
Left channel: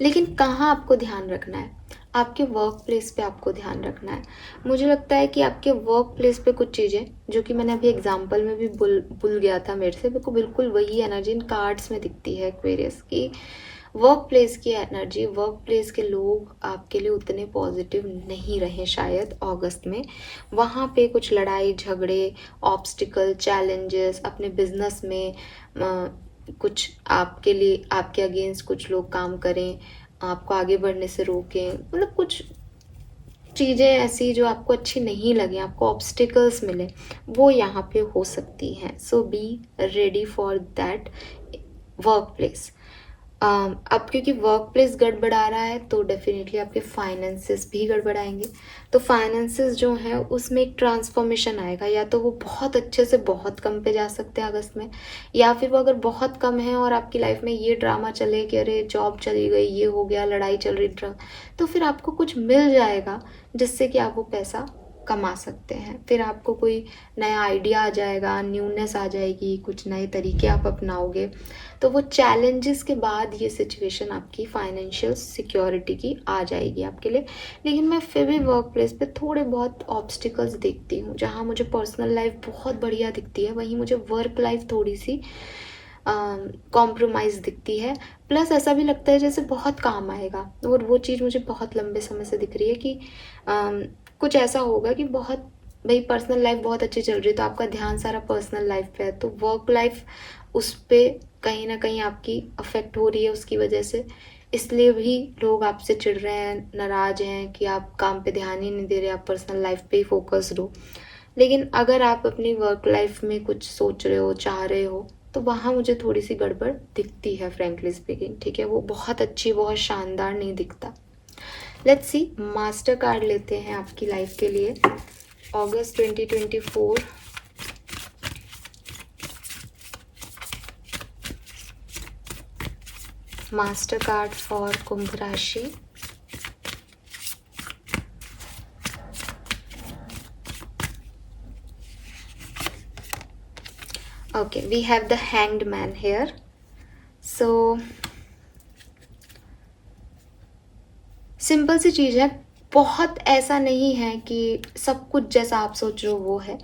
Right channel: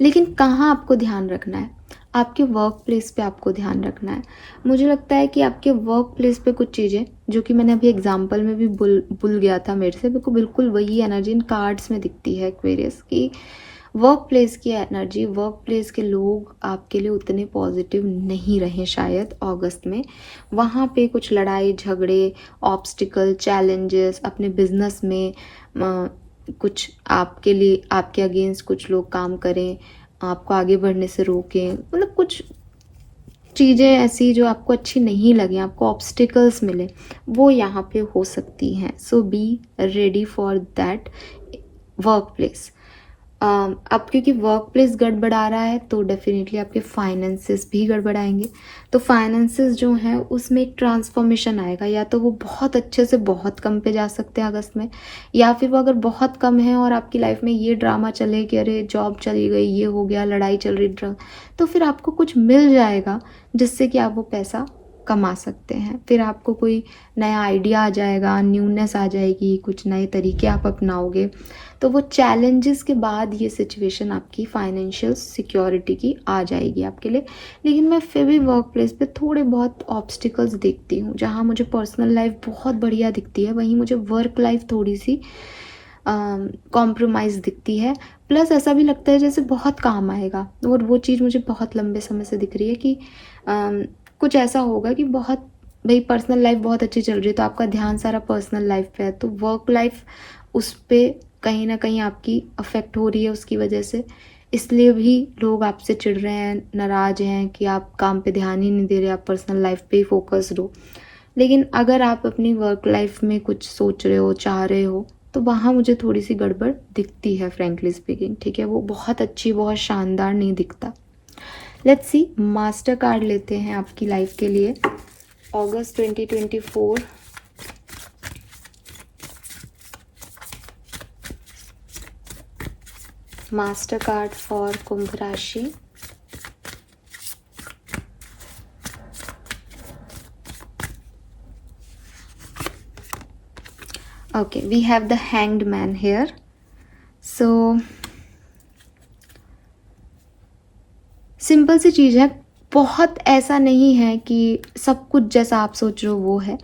लेकिन कहाँ आपको ध्यान रखना है? आपके वर्क प्लेस पे आपको ध्यान रखना है। मुझे लगता है कि आपके वर्क प्लेस पे कुछ चीज़ें, जो कि मैंने अभी एग्जांपल में भी भूल गया था मेरे से, बिल्कुल बिल्कुल वही एनर्जी इन कार्ड्स में दिखती है एक्वेरियस की। वर्क प्लेस की एनर्जी, वर्क प्लेस के लोग आपके लिए उतने पॉजिटिव नहीं रहे शायद अगस्त में। वहाँ पे कुछ लड़ाई झगड़े, ऑब्स्टिकल, चैलेंजेस, अपने बिजनेस में कुछ आपके लिए, आपके अगेंस्ट कुछ लोग काम करें, आपको आगे बढ़ने से रोकें, मतलब कुछ चीज़ें ऐसी जो आपको अच्छी नहीं लगी, आपको ऑब्स्टिकल्स मिले, वो यहाँ पे हो सकती हैं। So be ready for that work place. अब क्योंकि वर्क प्लेस गड़बड़ा रहा है तो डेफिनेटली आपके फाइनेंसेस भी गड़बड़ाएंगे। तो फाइनेंसेस जो है उसमें एक ट्रांसफॉर्मेशन आएगा, या तो वो बहुत अच्छे से बहुत कम पे जा सकते हैं अगस्त में, या फिर वो अगर बहुत कम है और आपकी लाइफ में ये ड्रामा चले कि अरे जॉब चली गई, ये हो गया, लड़ाई चल रही, तो फिर आपको कुछ मिल जाएगा जिससे कि आप वो पैसा कमा सकते हैं। फिर आपको कोई नया आइडिया आ जाएगा, न्यूनेस आ जाएगी, कुछ नए तरीके आप अपनाओगे। तो वो चैलेंजेस के बाद ये सिचुएशन आपकी फाइनेंशियल सिक्योरिटी की आ जाएगी आपके लिए। लेकिन मैं फिर भी वर्क प्लेस पे थोड़े बहुत ऑब्स्टिकल्स देखती हूँ। जहाँ मुझे पर्सनल लाइफ बहुत बढ़िया दिखती है, वहीं मुझे वर्क लाइफ थोड़ी सी कॉम्प्रोमाइज़ दिखती है। प्लस ऐसा भी लगता है जैसे बहुत काम आएगा, और वो चीज़ मुझे बहुत लंबे समय से दिख रही है कि कुछ ऐसा होगा कि बहुत, भाई पर्सनल लाइफ बहुत अच्छी चल रही है तो आपका ध्यान सारा पर्सनल लाइफ पे है, तो वर्क लाइफ उस पर कहीं ना कहीं आपकी अफेक्ट हो रही है उसकी वजह से। इसलिए भी लोग आपसे चिढ़ रहे हैं, नाराज़ हैं कि आप काम पे ध्यान ही नहीं दे रहे, आप पर्सनल लाइफ पे ही फोकस्ड हो। लेकिन अगर आप अपनी वर्क लाइफ में कुछ सोच रहे हो, चाह रहे हो, तो वहाँ मुझे थोड़ी सी गड़बड़ दिखती है फ्रेंकली स्पीकिंग, ठीक है। वो बहुत अच्छी, बहुत शानदार नहीं दिखता। लेट्स सी, मास्टर कार्ड लेते हैं आपकी लाइफ के लिए अगस्त 2024। मास्टर कार्ड फॉर कुंभ राशि। Okay, we have the hanged man here. So simple सी चीज़ है, बहुत ऐसा नहीं है कि सब कुछ जैसा आप सोच रहे हो वो है।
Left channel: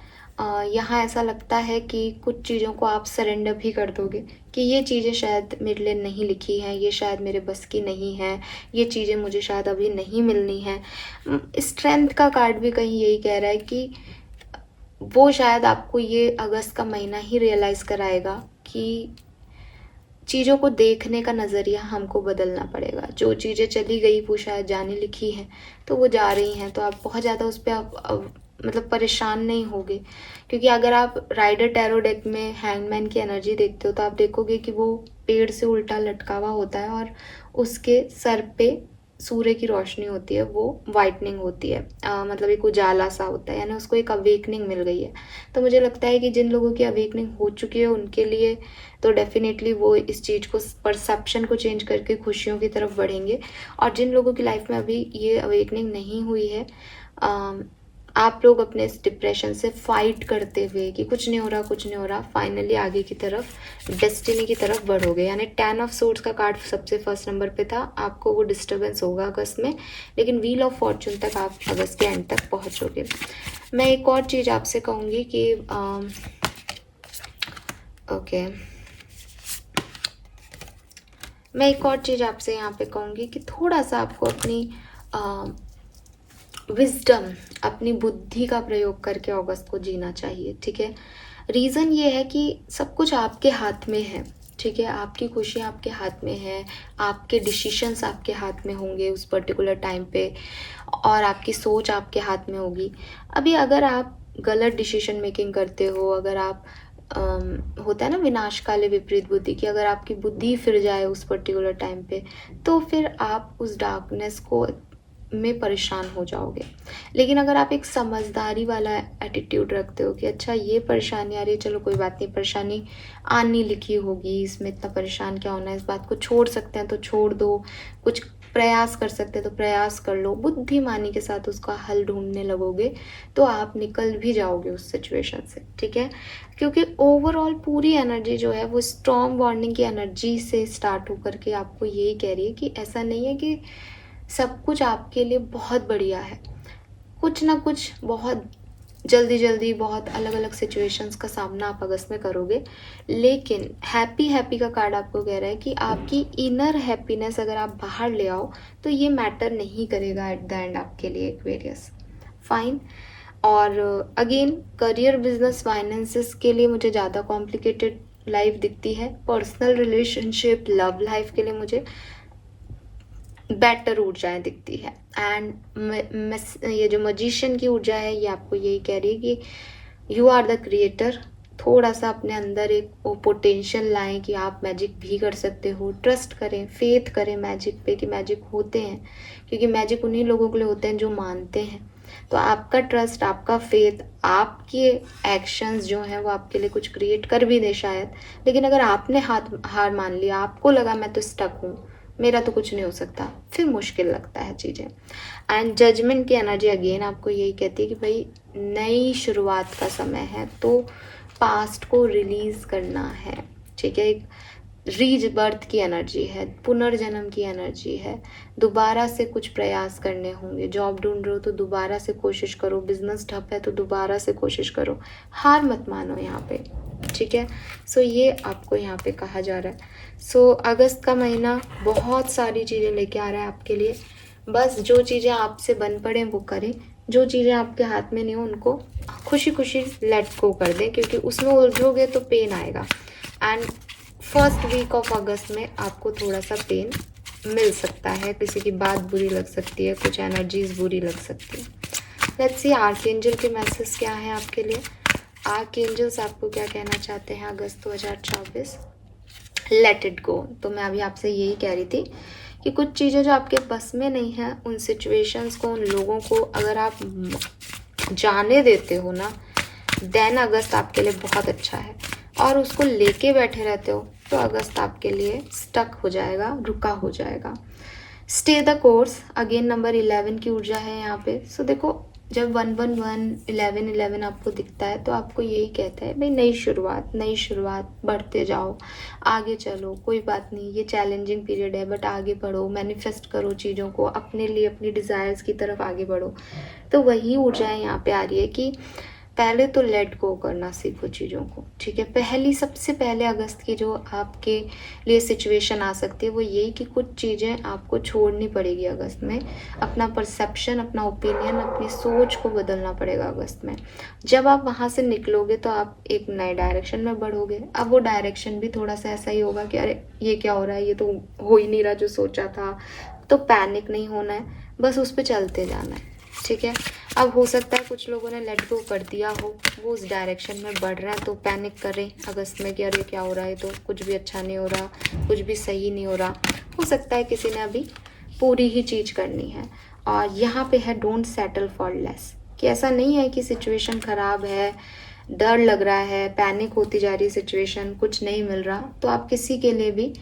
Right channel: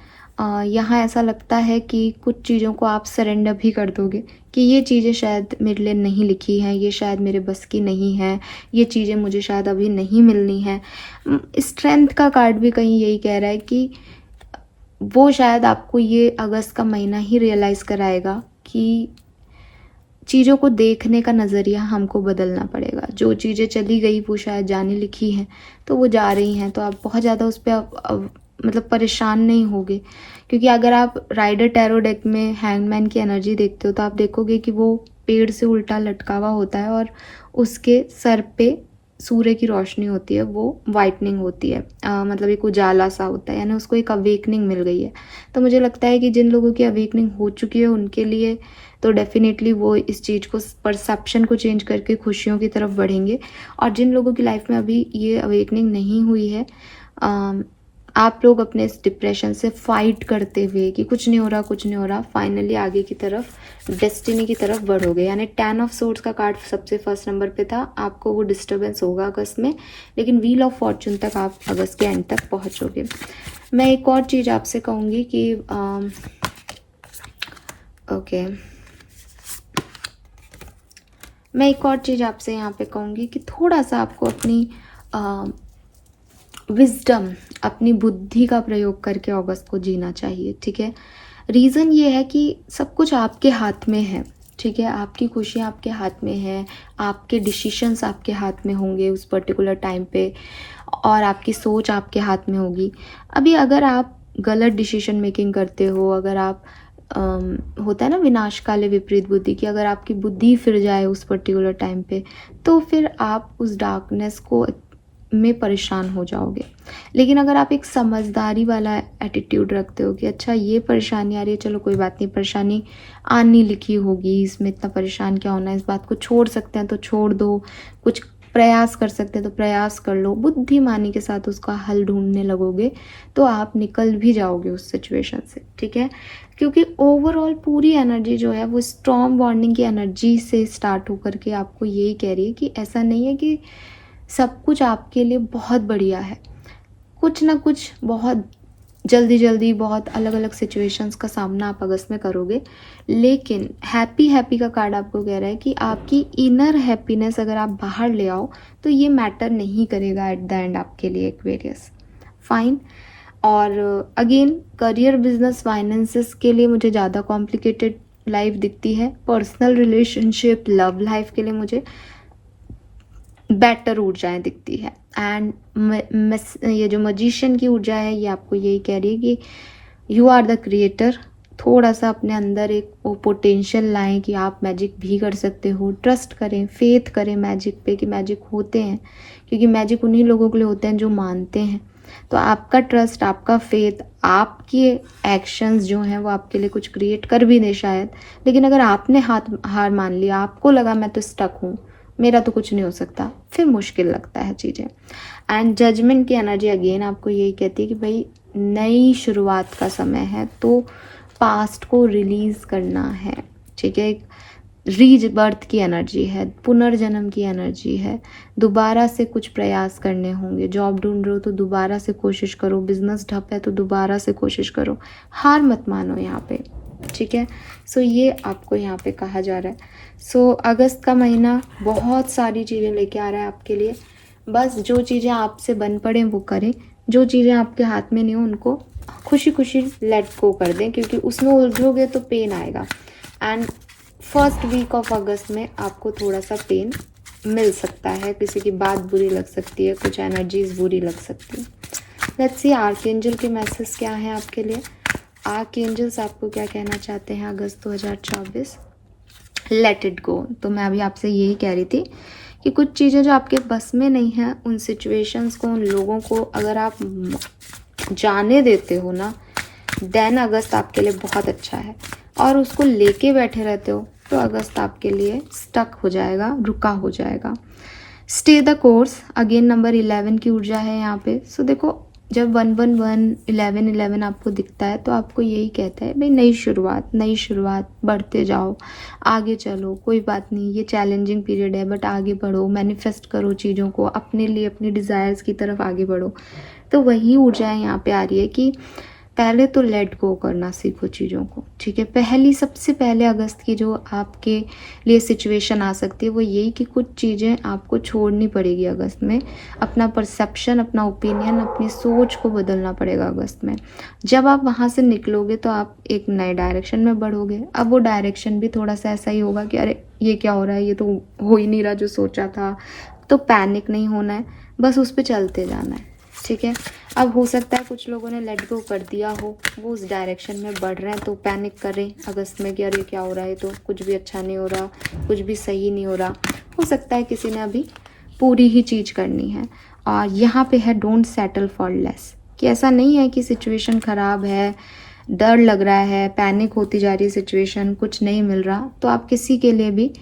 यहाँ ऐसा लगता है कि कुछ चीज़ों को आप सरेंडर भी कर दोगे कि ये चीज़ें शायद मेरे लिए नहीं लिखी हैं, ये शायद मेरे बस की नहीं है, ये चीज़ें मुझे शायद अभी नहीं मिलनी है। स्ट्रेंथ का कार्ड भी कहीं यही कह रहा है कि वो शायद आपको ये अगस्त का महीना ही रियलाइज़ कराएगा कि चीज़ों को देखने का नज़रिया हमको बदलना पड़ेगा। जो चीज़ें चली गई वो शायद जाने लिखी हैं, तो वो जा रही हैं, तो आप बहुत ज़्यादा उस पर मतलब परेशान नहीं होगे। क्योंकि अगर आप राइडर टैरो डेक में हैंगमैन की एनर्जी देखते हो तो आप देखोगे कि वो पेड़ से उल्टा लटका हुआ होता है और उसके सर पे सूर्य की रोशनी होती है, वो वाइटनिंग होती है, मतलब एक उजाला सा होता है, यानी उसको एक अवेकनिंग मिल गई है। तो मुझे लगता है कि जिन लोगों की अवेकनिंग हो चुकी है उनके लिए तो डेफिनेटली वो इस चीज़ को, परसेप्शन को चेंज करके खुशियों की तरफ बढ़ेंगे। और जिन लोगों की लाइफ में अभी ये अवेकनिंग नहीं हुई है, आप लोग अपने इस डिप्रेशन से फाइट करते हुए कि कुछ नहीं हो रहा, कुछ नहीं हो रहा, फाइनली आगे की तरफ, डेस्टिनी की तरफ बढ़ोगे। यानी 10 ऑफ सोर्ड्स का कार्ड सबसे फर्स्ट नंबर पे था। आपको वो डिस्टर्बेंस होगा अगस्त में, लेकिन व्हील ऑफ फॉर्चून तक आप अगस्त के एंड तक पहुंचोगे। मैं एक और चीज़ आपसे कहूँगी कि ओके, मैं एक और चीज़ आपसे यहाँ पे कहूँगी कि थोड़ा सा आपको अपनी विजडम, अपनी बुद्धि का प्रयोग करके अगस्त को जीना चाहिए, ठीक है। रीज़न ये है कि सब कुछ आपके हाथ में है। ठीक है, आपकी खुशियाँ आपके हाथ में हैं, आपके डिसीशंस आपके हाथ में होंगे उस पर्टिकुलर टाइम पे, और आपकी सोच आपके हाथ में होगी। अभी अगर आप गलत डिसीजन मेकिंग करते हो, अगर आप होता है ना विनाश काले विपरीत बुद्धि की, अगर आपकी बुद्धि फिर जाए उस पर्टिकुलर टाइम पे, तो फिर आप उस डार्कनेस को में परेशान हो जाओगे। लेकिन अगर आप एक समझदारी वाला एटीट्यूड रखते हो कि अच्छा ये परेशानी आ रही है, चलो कोई बात नहीं, परेशानी आनी लिखी होगी, इसमें इतना परेशान क्या होना है, इस बात को छोड़ सकते हैं तो छोड़ दो, कुछ प्रयास कर सकते हैं तो प्रयास कर लो, बुद्धिमानी के साथ उसका हल ढूंढने लगोगे तो आप निकल भी जाओगे उस सिचुएशन से। ठीक है, क्योंकि ओवरऑल पूरी एनर्जी जो है वो स्ट्रॉन्ग बॉन्डिंग की एनर्जी से स्टार्ट होकर के आपको यही कह रही है कि ऐसा नहीं है कि सब कुछ आपके लिए बहुत बढ़िया है, कुछ ना कुछ बहुत जल्दी जल्दी बहुत अलग अलग सिचुएशंस का सामना आप अगस्त में करोगे। लेकिन हैप्पी हैप्पी का कार्ड आपको कह रहा है कि आपकी इनर हैप्पीनेस अगर आप बाहर ले आओ तो ये मैटर नहीं करेगा एट द एंड आपके लिए, एक्वेरियस। फाइन। और अगेन करियर, बिजनेस, फाइनेंसेस के लिए मुझे ज़्यादा कॉम्प्लिकेटेड लाइफ दिखती है। पर्सनल रिलेशनशिप, लव लाइफ के लिए मुझे बेटर ऊर्जाएं दिखती है। एंड ये जो मजिशियन की ऊर्जा है ये आपको यही कह रही है कि यू आर द क्रिएटर। थोड़ा सा अपने अंदर एक वो पोटेंशियल लाएं कि आप मैजिक भी कर सकते हो। ट्रस्ट करें, फेथ करें मैजिक पे कि मैजिक होते हैं, क्योंकि मैजिक उन्हीं लोगों के लिए होते हैं जो मानते हैं। तो आपका ट्रस्ट, आपका फेथ, आपके एक्शंस जो हैं वो आपके लिए कुछ क्रिएट कर भी दे शायद। लेकिन अगर आपने हार मान लिया, आपको लगा मैं तो स्टक हूँ, मेरा तो कुछ नहीं हो सकता, फिर मुश्किल लगता है चीज़ें। एंड जजमेंट की एनर्जी अगेन आपको यही कहती है कि भाई नई शुरुआत का समय है, तो पास्ट को रिलीज करना है। ठीक है, एक रीबर्थ की एनर्जी है, पुनर्जन्म की एनर्जी है। दोबारा से कुछ प्रयास करने होंगे। जॉब ढूंढ रहे हो तो दोबारा से कोशिश करो, बिजनेस ठप है तो दोबारा से कोशिश करो, हार मत मानो यहाँ पे। ठीक है, सो ये आपको यहाँ पे कहा जा रहा है। सो अगस्त का महीना बहुत सारी चीज़ें लेके आ रहा है आपके लिए। बस जो चीज़ें आपसे बन पड़े वो करें, जो चीज़ें आपके हाथ में नहीं हो उनको खुशी खुशी लेट गो कर दें, क्योंकि उसमें उलझोगे तो पेन आएगा। And first week of August में आपको थोड़ा सा पेन मिल सकता है, किसी की बात बुरी लग सकती है, कुछ एनर्जीज बुरी लग सकती है। लेट्स सी आर्कएंजल के मैसेज क्या है आपके लिए। आर्कएंजल्स आपको क्या कहना चाहते हैं अगस्त 2024। Let it go. तो मैं अभी आपसे यही कह रही थी कि कुछ चीज़ें जो आपके बस में नहीं है, उन सिचुएशंस को, उन लोगों को अगर आप जाने देते हो ना, देन अगस्त आपके लिए बहुत अच्छा है। और उसको लेके बैठे रहते हो तो अगस्त आपके लिए स्टक हो जाएगा, रुका हो जाएगा। Stay the course, again number 11 की ऊर्जा है यहाँ पे। सो देखो, जब 111 11 11 आपको दिखता है तो आपको यही कहता है भाई नई शुरुआत, नई शुरुआत, बढ़ते जाओ, आगे चलो, कोई बात नहीं, ये चैलेंजिंग पीरियड है बट आगे बढ़ो, मैनिफेस्ट करो चीज़ों को, अपने लिए, अपनी डिज़ायर्स की तरफ आगे बढ़ो। तो वही ऊर्जाएं यहाँ पे आ रही है कि पहले तो लेट गो करना सीखो चीज़ों को। ठीक है, पहली सबसे पहले अगस्त की जो आपके लिए सिचुएशन आ सकती है वो यही कि कुछ चीज़ें आपको छोड़नी पड़ेगी अगस्त में। अपना परसेप्शन, अपना ओपिनियन, अपनी सोच को बदलना पड़ेगा अगस्त में। जब आप वहाँ से निकलोगे तो आप एक नए डायरेक्शन में बढ़ोगे। अब वो डायरेक्शन भी थोड़ा सा ऐसा ही होगा कि अरे ये क्या हो रहा है, ये तो हो ही नहीं रहा जो सोचा था। तो पैनिक नहीं होना है, बस उस पर चलते जाना है। ठीक है, अब हो सकता है कुछ लोगों ने लेट गो कर दिया हो, वो उस डायरेक्शन में बढ़ रहे हैं तो पैनिक करें अगस्त में कि अरे क्या हो रहा है, तो कुछ भी अच्छा नहीं हो रहा, कुछ भी सही नहीं हो रहा। हो सकता है किसी ने अभी पूरी ही चीज़ करनी है। और यहाँ पे है डोंट सेटल फॉर लेस, कि ऐसा नहीं है कि सिचुएशन ख़राब है, डर लग रहा है, पैनिक होती जा रही है सिचुएशन, कुछ नहीं मिल रहा, तो आप किसी के लिए भी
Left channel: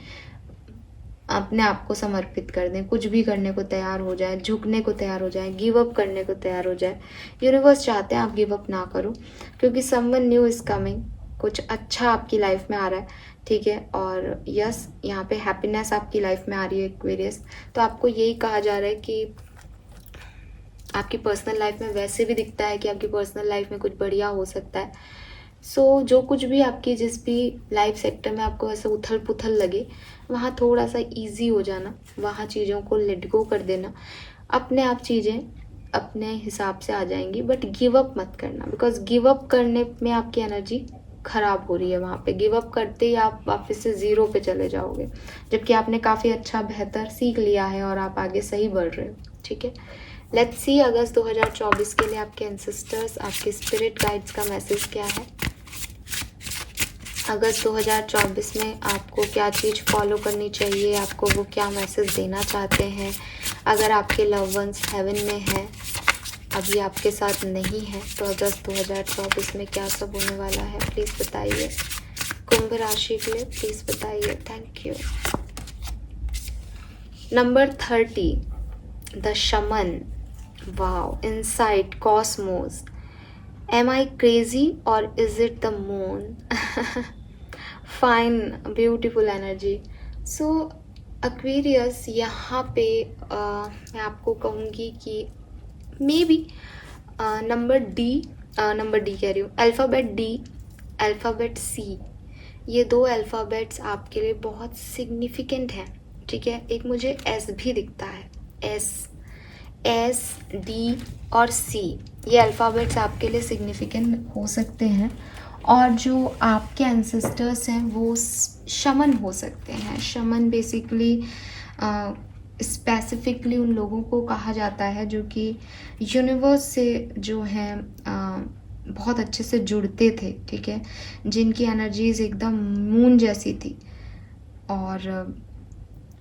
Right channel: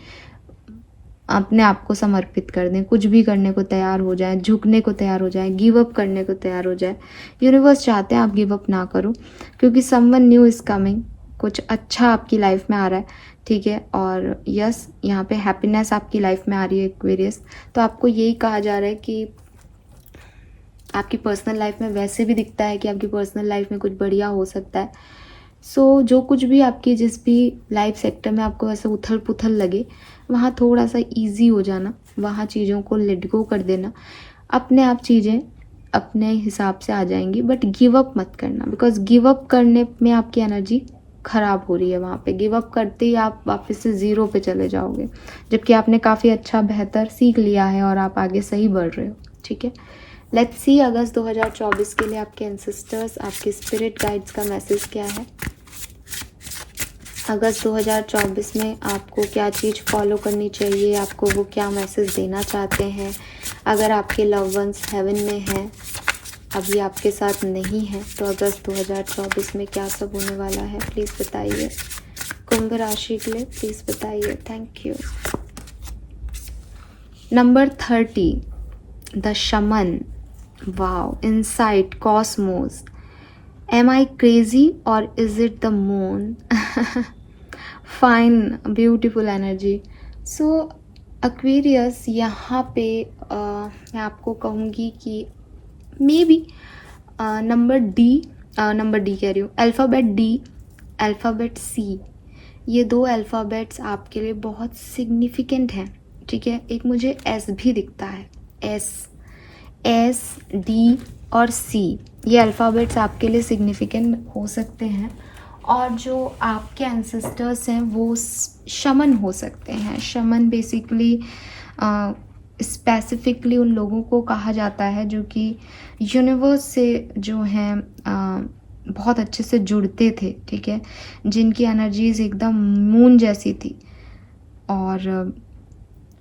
अपने आप को समर्पित कर दें, कुछ भी करने को तैयार हो जाए, झुकने को तैयार हो जाए, गिव अप करने को तैयार हो जाए। यूनिवर्स चाहते हैं आप गिव अप ना करो, क्योंकि समवन न्यू इज़ कमिंग, कुछ अच्छा आपकी लाइफ में आ रहा है। ठीक है, और यस यहाँ पे हैप्पीनेस आपकी लाइफ में आ रही है एक्वेरियस। तो आपको यही कहा जा रहा है कि आपकी पर्सनल लाइफ में वैसे भी दिखता है कि आपकी पर्सनल लाइफ में कुछ बढ़िया हो सकता है। सो जो कुछ भी आपकी जिस भी लाइफ सेक्टर में आपको ऐसे उथल पुथल लगे, वहाँ थोड़ा सा इजी हो जाना, वहाँ चीज़ों को लेट गो कर देना, अपने आप चीज़ें अपने हिसाब से आ जाएंगी। बट गिव अप मत करना, बिकॉज गिव अप करने में आपकी एनर्जी खराब हो रही है, वहाँ पे गिव अप करते ही आप वापस से ज़ीरो पे चले जाओगे, जबकि आपने काफ़ी अच्छा बेहतर सीख लिया है और आप आगे सही बढ़ रहे हो। ठीक है, लेट्स सी अगस्त 2024 के लिए आपके एंसेस्टर्स, आपके स्पिरिट गाइड्स का मैसेज क्या है। अगस्त 2024 में आपको क्या चीज़ फॉलो करनी चाहिए, आपको वो क्या मैसेज देना चाहते हैं। अगर आपके लव वंस हेवन में हैं, अभी आपके साथ नहीं है, तो अगस्त 2024 में क्या सब होने वाला है प्लीज़ बताइए। कुंभ राशि के लिए प्लीज़ बताइए। Thank you. नंबर 30, द शमन। Wow, insight, Cosmos. एम आई क्रेजी और is it the moon? Fine, beautiful energy. So Aquarius, यहाँ पे मैं आपको कहूँगी कि मे बी नंबर डी कह रही हूँ, अल्फ़ाबेट डी, अल्फ़ाबेट सी, ये दो अल्फ़ाबेट्स आपके लिए बहुत सिग्निफिकेंट हैं। ठीक है, एक मुझे एस भी दिखता है, एस डी और सी, ये अल्फ़ाबेट्स आपके लिए सिग्निफिकेंट हो सकते हैं। और जो आपके एंसेस्टर्स हैं वो शमन हो सकते हैं। शमन बेसिकली स्पेसिफिकली उन लोगों को कहा जाता है जो कि यूनिवर्स से जो हैं बहुत अच्छे से जुड़ते थे। ठीक है, जिनकी एनर्जीज एकदम मून जैसी थी और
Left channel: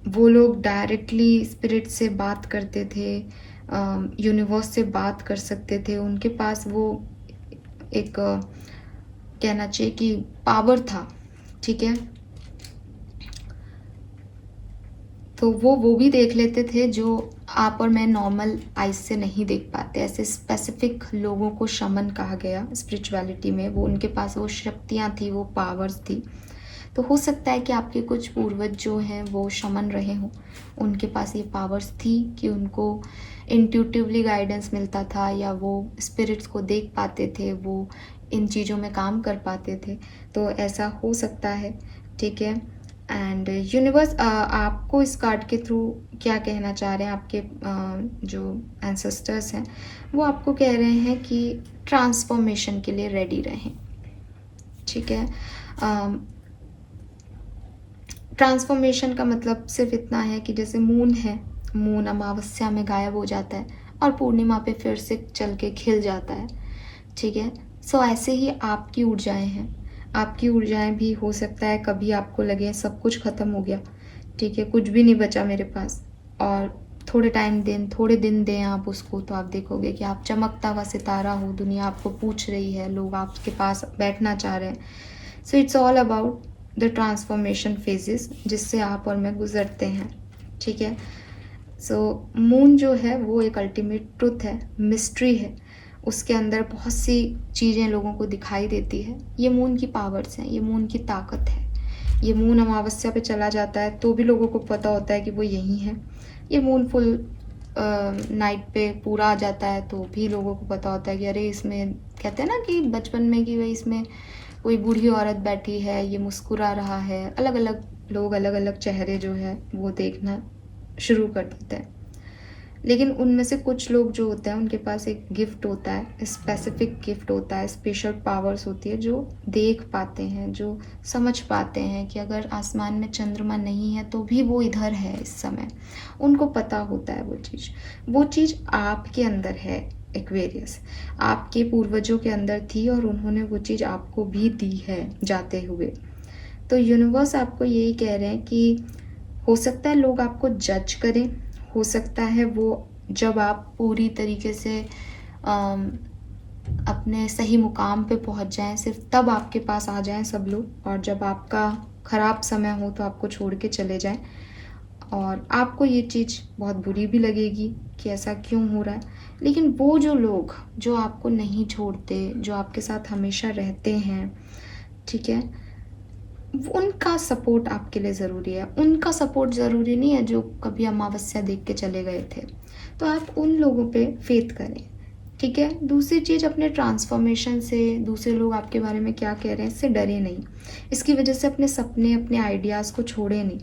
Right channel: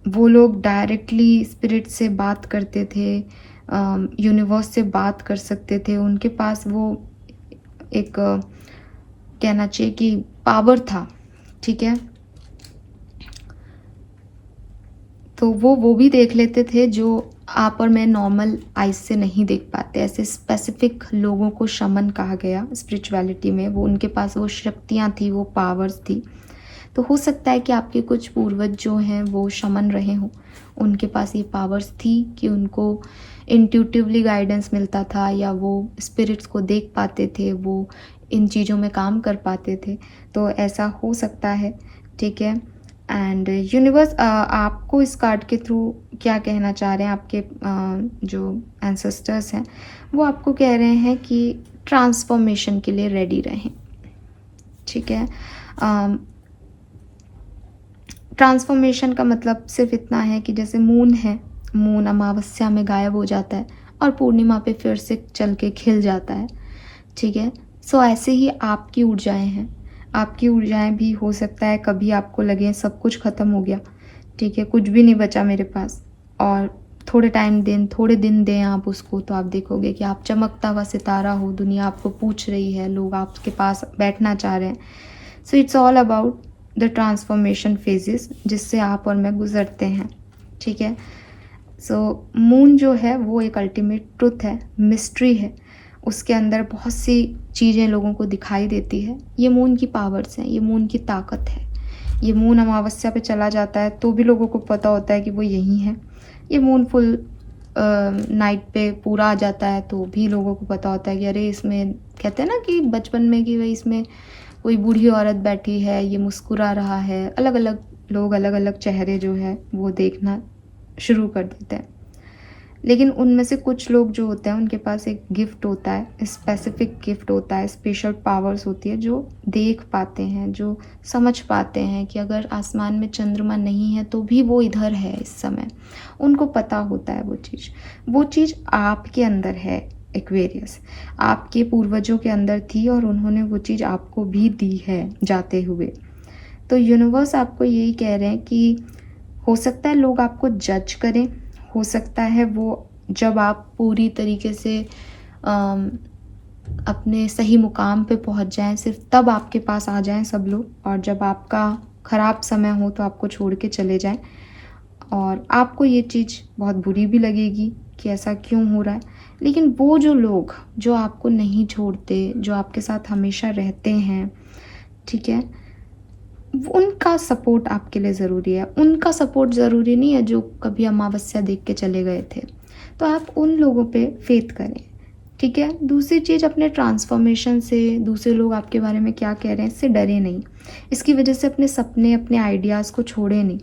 वो लोग डायरेक्टली स्पिरिट से बात करते थे, यूनिवर्स से बात कर सकते थे। उनके पास वो एक कहना चाहिए कि पावर था। ठीक है, तो वो भी देख लेते थे जो आप और मैं नॉर्मल आइज से नहीं देख पाते। ऐसे स्पेसिफिक लोगों को शमन कहा गया स्पिरिचुअलिटी में। वो उनके पास वो शक्तियाँ थी, वो पावर्स थी। तो हो सकता है कि आपके कुछ पूर्वज जो हैं वो शमन रहे हों, उनके पास ये पावर्स थी कि उनको इंट्यूटिवली गाइडेंस मिलता था, या वो स्पिरिट्स को देख पाते थे, वो इन चीज़ों में काम कर पाते थे। तो ऐसा हो सकता है। ठीक है, एंड यूनिवर्स आपको इस कार्ड के थ्रू क्या कहना चाह रहे हैं, आपके जो एंसेस्टर्स हैं वो आपको कह रहे हैं कि ट्रांसफॉर्मेशन के लिए रेडी रहें। ठीक है, ट्रांसफॉर्मेशन का मतलब सिर्फ इतना है कि जैसे मून है, मून अमावस्या में गायब हो जाता है और पूर्णिमा पे फिर से चल के खिल जाता है। ठीक है, सो ऐसे ही आपकी ऊर्जाएं हैं। आपकी ऊर्जाएं भी हो सकता है कभी आपको लगे सब कुछ ख़त्म हो गया, ठीक है, कुछ भी नहीं बचा मेरे पास, और थोड़े दिन दें आप उसको, तो आप देखोगे कि आप चमकता हुआ सितारा हो। दुनिया आपको पूछ रही है, लोग आपके पास बैठना चाह रहे हैं। So it's all about the transformation phases जिससे आप और मैं गुजरते हैं। ठीक है, सो मून जो है वो एक अल्टीमेट ट्रुथ है, मिस्ट्री है। उसके अंदर बहुत सी चीज़ें लोगों को दिखाई देती है। ये मून की पावर्स हैं, ये मून की ताकत है। ये मून अमावस्या पे चला जाता है तो भी लोगों को पता होता है कि वो यहीं है। ये मून फुल नाइट पे पूरा आ जाता है तो भी लोगों को पता होता है कि अरे इसमें, कहते हैं ना कि बचपन में कि भाई इसमें कोई बूढ़ी औरत बैठी है, ये मुस्कुरा रहा है। अलग अलग लोग अलग अलग चेहरे जो है वो देखना शुरू कर देते हैं। लेकिन उनमें से कुछ लोग जो होते हैं उनके पास एक गिफ्ट होता है, स्पेसिफिक गिफ्ट होता है, स्पेशल पावर्स होती है, जो देख पाते हैं, जो समझ पाते हैं कि अगर आसमान में चंद्रमा नहीं है तो भी वो इधर है इस समय। उनको पता होता है वो चीज़ आपके अंदर है। एक्वेरियस आपके पूर्वजों के अंदर थी और उन्होंने वो चीज़ आपको भी दी है जाते हुए। तो यूनिवर्स आपको यही कह रहे हैं कि हो सकता है लोग आपको जज करें, हो सकता है वो जब आप पूरी तरीके से अपने सही मुकाम पे पहुंच जाएं, सिर्फ तब आपके पास आ जाएं सब लोग, और जब आपका ख़राब समय हो तो आपको छोड़ के चले जाएं। और आपको ये चीज़ बहुत बुरी भी लगेगी कि ऐसा क्यों हो रहा है। लेकिन वो जो लोग जो आपको नहीं छोड़ते, जो आपके साथ हमेशा रहते हैं, ठीक है, उनका सपोर्ट आपके लिए ज़रूरी है। उनका सपोर्ट ज़रूरी नहीं है जो कभी अमावस्या देख के चले गए थे। तो आप उन लोगों पे फेथ करें। ठीक है, दूसरी चीज़, अपने ट्रांसफॉर्मेशन से दूसरे लोग आपके बारे में क्या कह रहे हैं इससे डरे नहीं। इसकी वजह से अपने सपने, अपने आइडियाज़ को छोड़ें नहीं।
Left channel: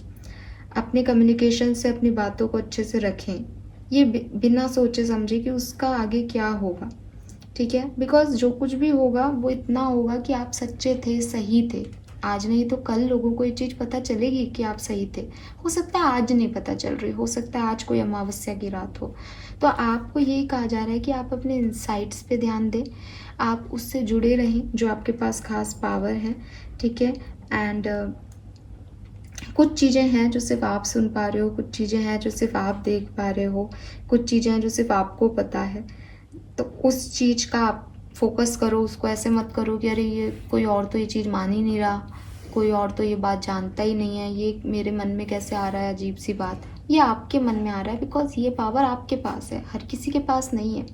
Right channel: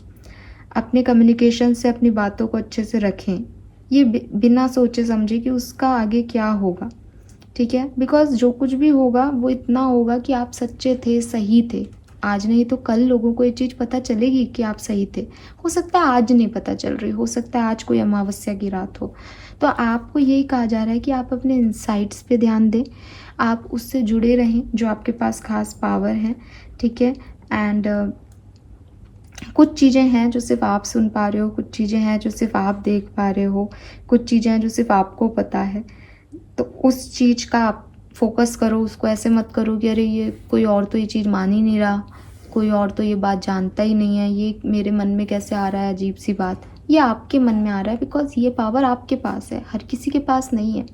अपने कम्युनिकेशन से अपनी बातों को अच्छे से रखें। ये बिना सोचे समझे कि उसका आगे क्या होगा। ठीक है, बिकॉज जो कुछ भी होगा वो इतना होगा कि आप सच्चे थे, सही थे। आज नहीं तो कल लोगों को ये चीज़ पता चलेगी कि आप सही थे। हो सकता है आज नहीं पता चल रही, हो सकता है आज कोई अमावस्या की रात हो। तो आपको यही कहा जा रहा है कि आप अपने इंसाइट्स पे ध्यान दें, आप उससे जुड़े रहें जो आपके पास खास पावर है। ठीक है, एंड कुछ चीज़ें हैं जो सिर्फ आप सुन पा रहे हो, कुछ चीज़ें हैं जो सिर्फ आप देख पा रहे हो, कुछ चीज़ें हैं जो सिर्फ आपको पता है। तो उस चीज़ का आप फोकस करो, उसको ऐसे मत करो कि अरे ये कोई और तो ये चीज़ मान ही नहीं रहा, कोई और तो ये बात जानता ही नहीं है, ये मेरे मन में कैसे आ रहा है अजीब सी बात। ये आपके मन में आ रहा है बिकॉज ये पावर आपके पास है, हर किसी के पास नहीं है।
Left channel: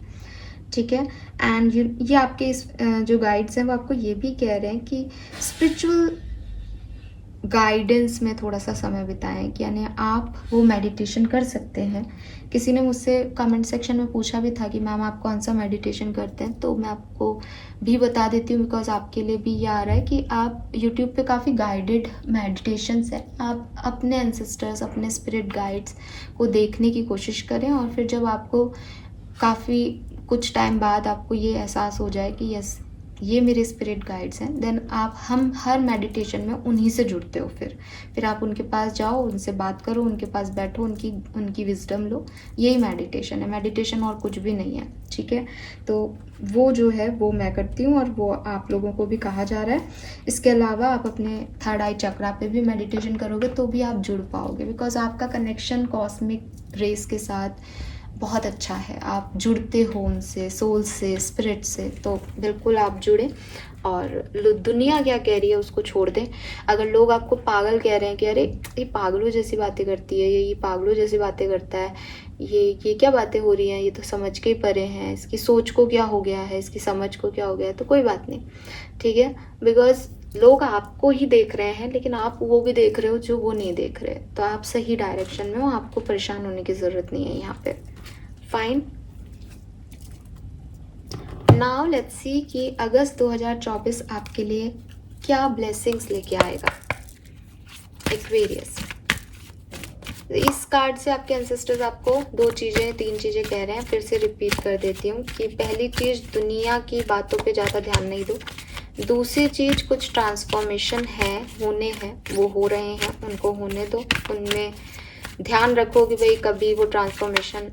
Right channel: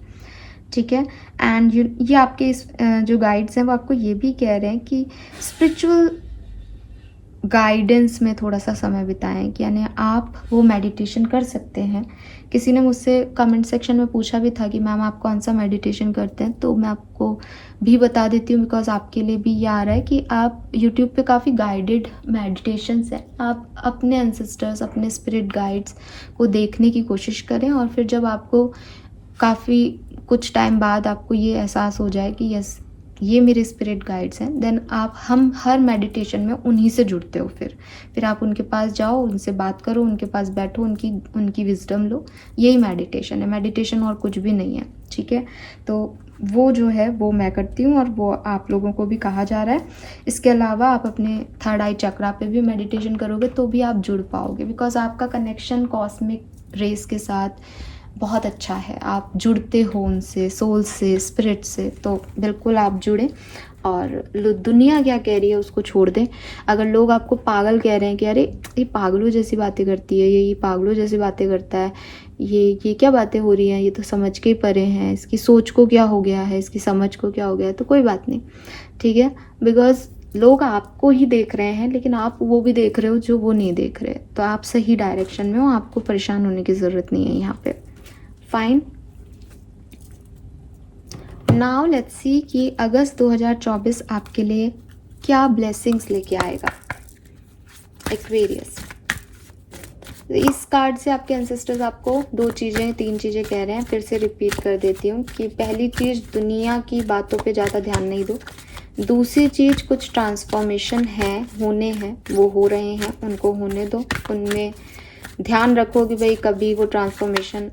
ठीक है, एंड ये आपके जो गाइड्स हैं वो आपको ये भी कह रहे हैं कि स्पिरिचुअल गाइडेंस में थोड़ा सा समय बिताएं, कि यानी आप वो मेडिटेशन कर सकते हैं। किसी ने मुझसे कमेंट सेक्शन में पूछा भी था कि मैम आप कौन सा मेडिटेशन करते हैं, तो मैं आपको भी बता देती हूँ बिकॉज आपके लिए भी ये आ रहा है कि आप यूट्यूब पे काफ़ी गाइडेड मेडिटेशंस है, आप अपने एंसेस्टर्स, अपने स्पिरिट गाइड्स को देखने की कोशिश करें। और फिर जब आपको काफ़ी कुछ टाइम बाद आपको ये एहसास हो जाए कि यस ये मेरे स्पिरिट गाइड्स हैं, देन हम हर मेडिटेशन में उन्हीं से जुड़ते हो। फिर आप उनके पास जाओ, उनसे बात करो, उनके पास बैठो, उनकी विजडम लो। यही मेडिटेशन है, मेडिटेशन और कुछ भी नहीं है। ठीक है, तो वो जो है वो मैं करती हूँ और वो आप लोगों को भी कहा जा रहा है। इसके अलावा आप अपने थर्ड आई चक्रा पे भी मेडिटेशन करोगे तो भी आप जुड़ पाओगे, बिकॉज आपका कनेक्शन कॉस्मिक रेस के साथ बहुत अच्छा है, आप जुड़ते हो उनसे, सोल से, स्पिरिट से। तो बिल्कुल आप जुड़ें और दुनिया क्या कह रही है उसको छोड़ दें। अगर लोग आपको पागल कह रहे हैं कि अरे ये पागलों जैसी बातें करती है, ये पागलों जैसी बातें करता है, ये क्या बातें हो रही हैं, ये तो समझ के ही परे हैं, इसकी सोच को क्या हो गया है, इसकी समझ को क्या हो गया है, तो कोई बात नहीं। ठीक है, बिकॉज लोग आपको ही देख रहे हैं लेकिन आप वो भी देख रहे हो जो वो नहीं देख रहे। तो आप सही डायरेक्शन में हो, आपको परेशान होने की ज़रूरत नहीं है यहाँ पे। फाइन, नाउ लेट्स सी कि अगस्त 2024 आपके लिए क्या ब्लेसिंग्स लेके आएगा। एक्वेरियस, इस कार्ड से आपके एंसेस्टर्स आपको 3 चीज़ें कह रहे हैं। फिर से रिपीट कर देती हूँ कि पहली चीज़, दुनिया की बातों पे ज़्यादा ध्यान नहीं दो। दूसरी चीज़, कुछ ट्रांसफॉर्मेशन है, होने हैं, वो हो रहे हैं, उनको होने दो। उनमें ध्यान रखो कि भाई कभी वो ट्रांसफॉर्मेशन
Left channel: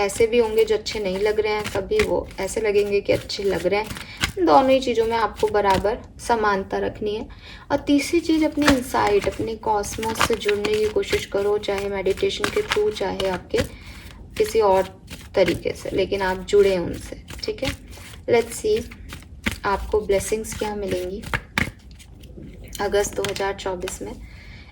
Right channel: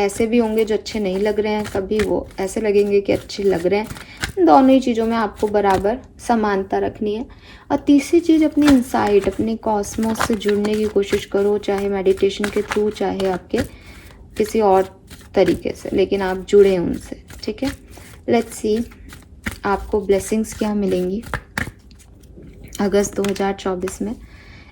ऐसे भी होंगे जो अच्छे नहीं लग रहे हैं, कभी वो ऐसे लगेंगे कि अच्छे लग रहे हैं। दोनों ही चीज़ों में आपको बराबर समानता रखनी है। और तीसरी चीज़, अपने इनसाइड, अपने कॉस्मोस से जुड़ने की कोशिश करो, चाहे मेडिटेशन के थ्रू, चाहे आपके किसी और तरीके से, लेकिन आप जुड़े उनसे। ठीक है, लेट्स सी आपको ब्लेसिंग्स क्या मिलेंगी अगस्त 2024 में।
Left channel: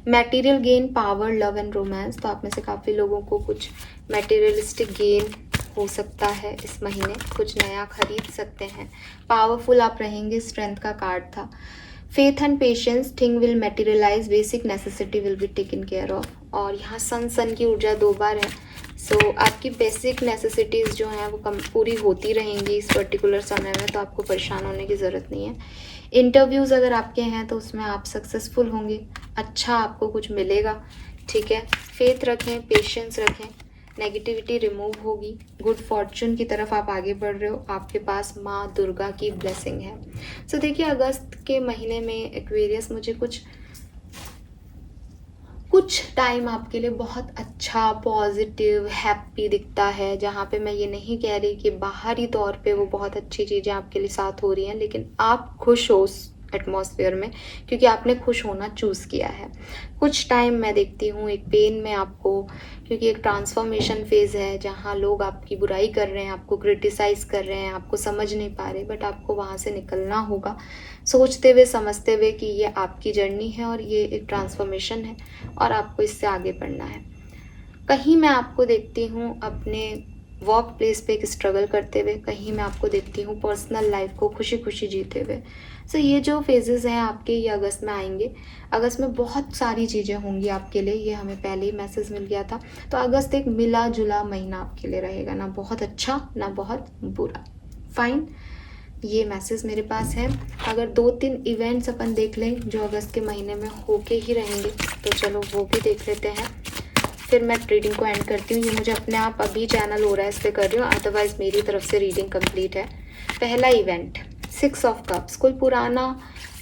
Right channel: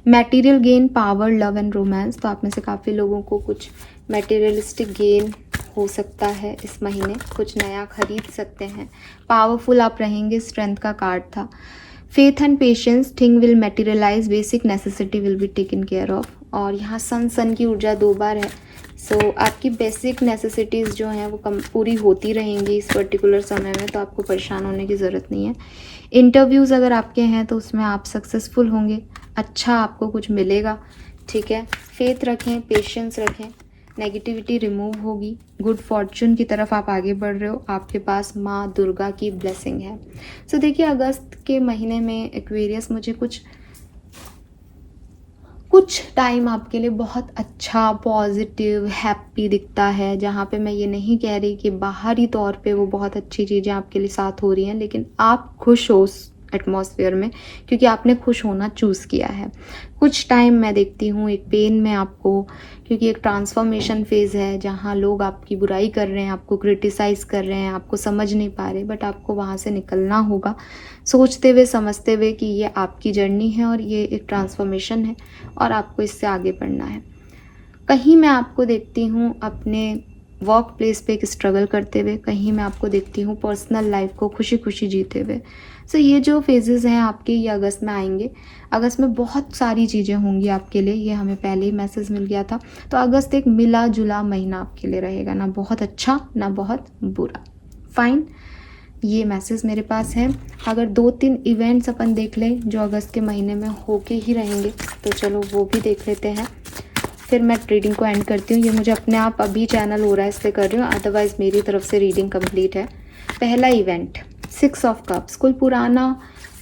Material gain, power, love and romance. तो आप में से काफ़ी लोगों को कुछ मटेरियलिस्टिक गेन हो सकता है इस महीने, कुछ नया खरीद सकते हैं। पावरफुल आप रहेंगे, स्ट्रेंथ का कार्ड था। Faith and patience, thing will materialize, basic necessity will be taken care of. और यहाँ सन की ऊर्जा 2 बार है। सो आपकी बेसिक नेसेसिटीज़ जो हैं वो पूरी होती रहेंगी इस पर्टिकुलर समय में, तो आपको परेशान होने की ज़रूरत नहीं है। इंटरव्यूज़ अगर आपके हैं तो उसमें आप सक्सेसफुल होंगे, अच्छा आपको कुछ मिलेगा। ठीक है, फेथ रखें, पेशेंस रखें, नेगेटिविटी रिमूव होगी, गुड फॉर्चून की तरफ आप आगे बढ़ रहे हो, आपके पास माँ दुर्गा की ब्लेसिंग है। सो देखिए, अगस्त के महीने में एक्वेरियस मुझे कुछ टाइम आपके लिए बहुत अच्छा, पॉजिटिव, हैप्पी दिखता है, जहाँ पे मैं ये नहीं कह रही कि बाहरी तौर पे वो बहुत अच्छी चीज़ें आपके लिए साथ हो रही हैं, लेकिन आप खुश हो उस एटमॉस्फेयर में क्योंकि आपने खुश होना चूज़ किया है। कुछ टाइम मैं देखती हूँ एक पेन में आपको, क्योंकि एक ट्रांसफॉर्मेशन फेज़ है जहाँ लोग आपकी बुराई कर रहे हैं, आपको क्रिटिसाइज़ कर रहे हैं, आपको समझ नहीं पा रहे, बट आपको वहाँ से निकलना होगा, सोचते हुए, समझते हुए कि ये आपकी जर्नी है और ये एक ट्रांसफॉर्मेशन है और आपको इससे आगे बढ़ना है। कहीं मैं आपको देखती हूँ अपने वर्क प्लेस पे एक स्ट्रगल करते हुए, कहीं मैं आपको देखती हूँ पर्सनल लाइफ को खुशी खुशी जीते हुए। सो ये जो फेजेस हैं आपके, ये अगस्त में आएंगे। अगस्त में बहुत सारी चीज़ें होंगी आपके लिए, ये हमें पहले ही मैसेज मिल गया था। तो अगस्त एक मिला जुला महीना आपके लिए रहेगा, ना बहुत अच्छा ना बहुत बुरा। फाइन, ये मैसेज मेरे पास है। अगर 2-3 इवेंट्स अपन देख लें जो अगस्त के महीने में होके ही रहेंगे, तो चलो वो भी देख लेते हैं, फिर मैं रीडिंग को एंड करती हूँ। ये मुझे अपने आप अभी चैनल हो रहा है इसलिए कर रही हूँ, अदरवाइज़ मेरी तरफ से रीडिंग कंप्लीट है। पहला इवेंट 6 ऑफ कप्स, कोई पुराना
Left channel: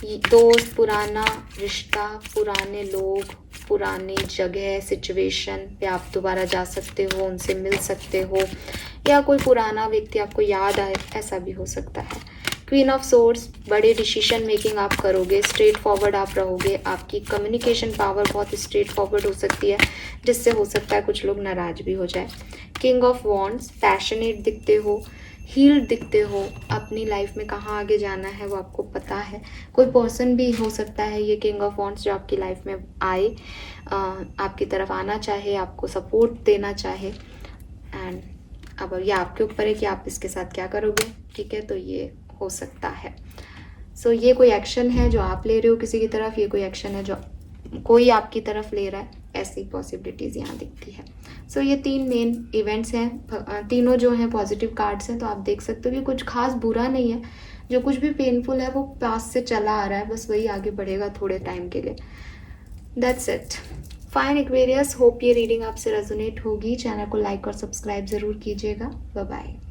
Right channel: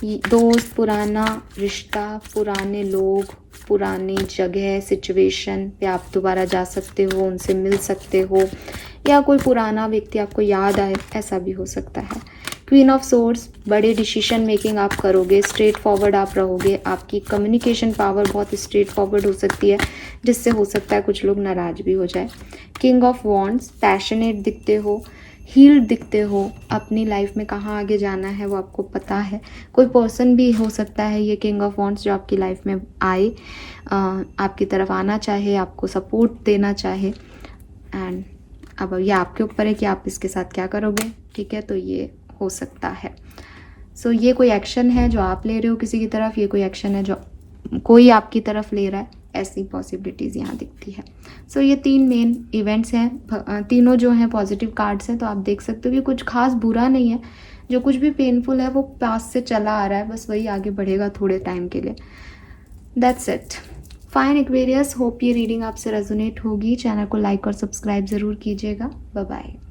दोस्त, पुराना रिश्ता, पुराने लोग, पुरानी जगह, सिचुएशन पे आप दोबारा जा सकते हो, उनसे मिल सकते हो, या कोई पुराना व्यक्ति आपको याद आए, ऐसा भी हो सकता है। क्वीन ऑफ सोर्ड्स, बड़े डिसीजन मेकिंग आप करोगे, स्ट्रेट फॉरवर्ड आप रहोगे, आपकी कम्युनिकेशन पावर बहुत स्ट्रेट फॉरवर्ड हो सकती है, जिससे हो सकता है कुछ लोग नाराज भी हो जाए। किंग ऑफ वॉन्ड्स, पैशनेट दिखते हो, हील्ड दिखते हो, अपनी लाइफ में कहाँ आगे जाना है वो आपको पता है। कोई पर्सन भी हो सकता है ये किंग ऑफ वॉन्ड्स जो आपकी लाइफ में आए, आपकी तरफ आना चाहे, आपको सपोर्ट देना चाहे, एंड अब ये आपके ऊपर है कि आप इसके साथ क्या करोगे। ठीक है, तो ये हो सकता है। सो ये कोई एक्शन है जो आप ले रहे हो किसी की तरफ, ये कोई एक्शन है जो कोई आपकी तरफ ले रहा है, ऐसी पॉसिबिलिटीज़ यहाँ दिखती है। सो ये 3 मेन इवेंट्स हैं, तीनों जो हैं पॉजिटिव कार्ड्स हैं, तो आप देख सकते हो कि कुछ खास बुरा नहीं है। जो कुछ भी पेनफुल है वो पास से चला आ रहा है, बस वही आगे बढ़ेगा थोड़े टाइम के लिए। That's it. Fine Aquarius, hope ये रीडिंग आपसे रेजोनेट होगी। चैनल को लाइक और सब्सक्राइब ज़रूर कीजिएगा। Bye bye.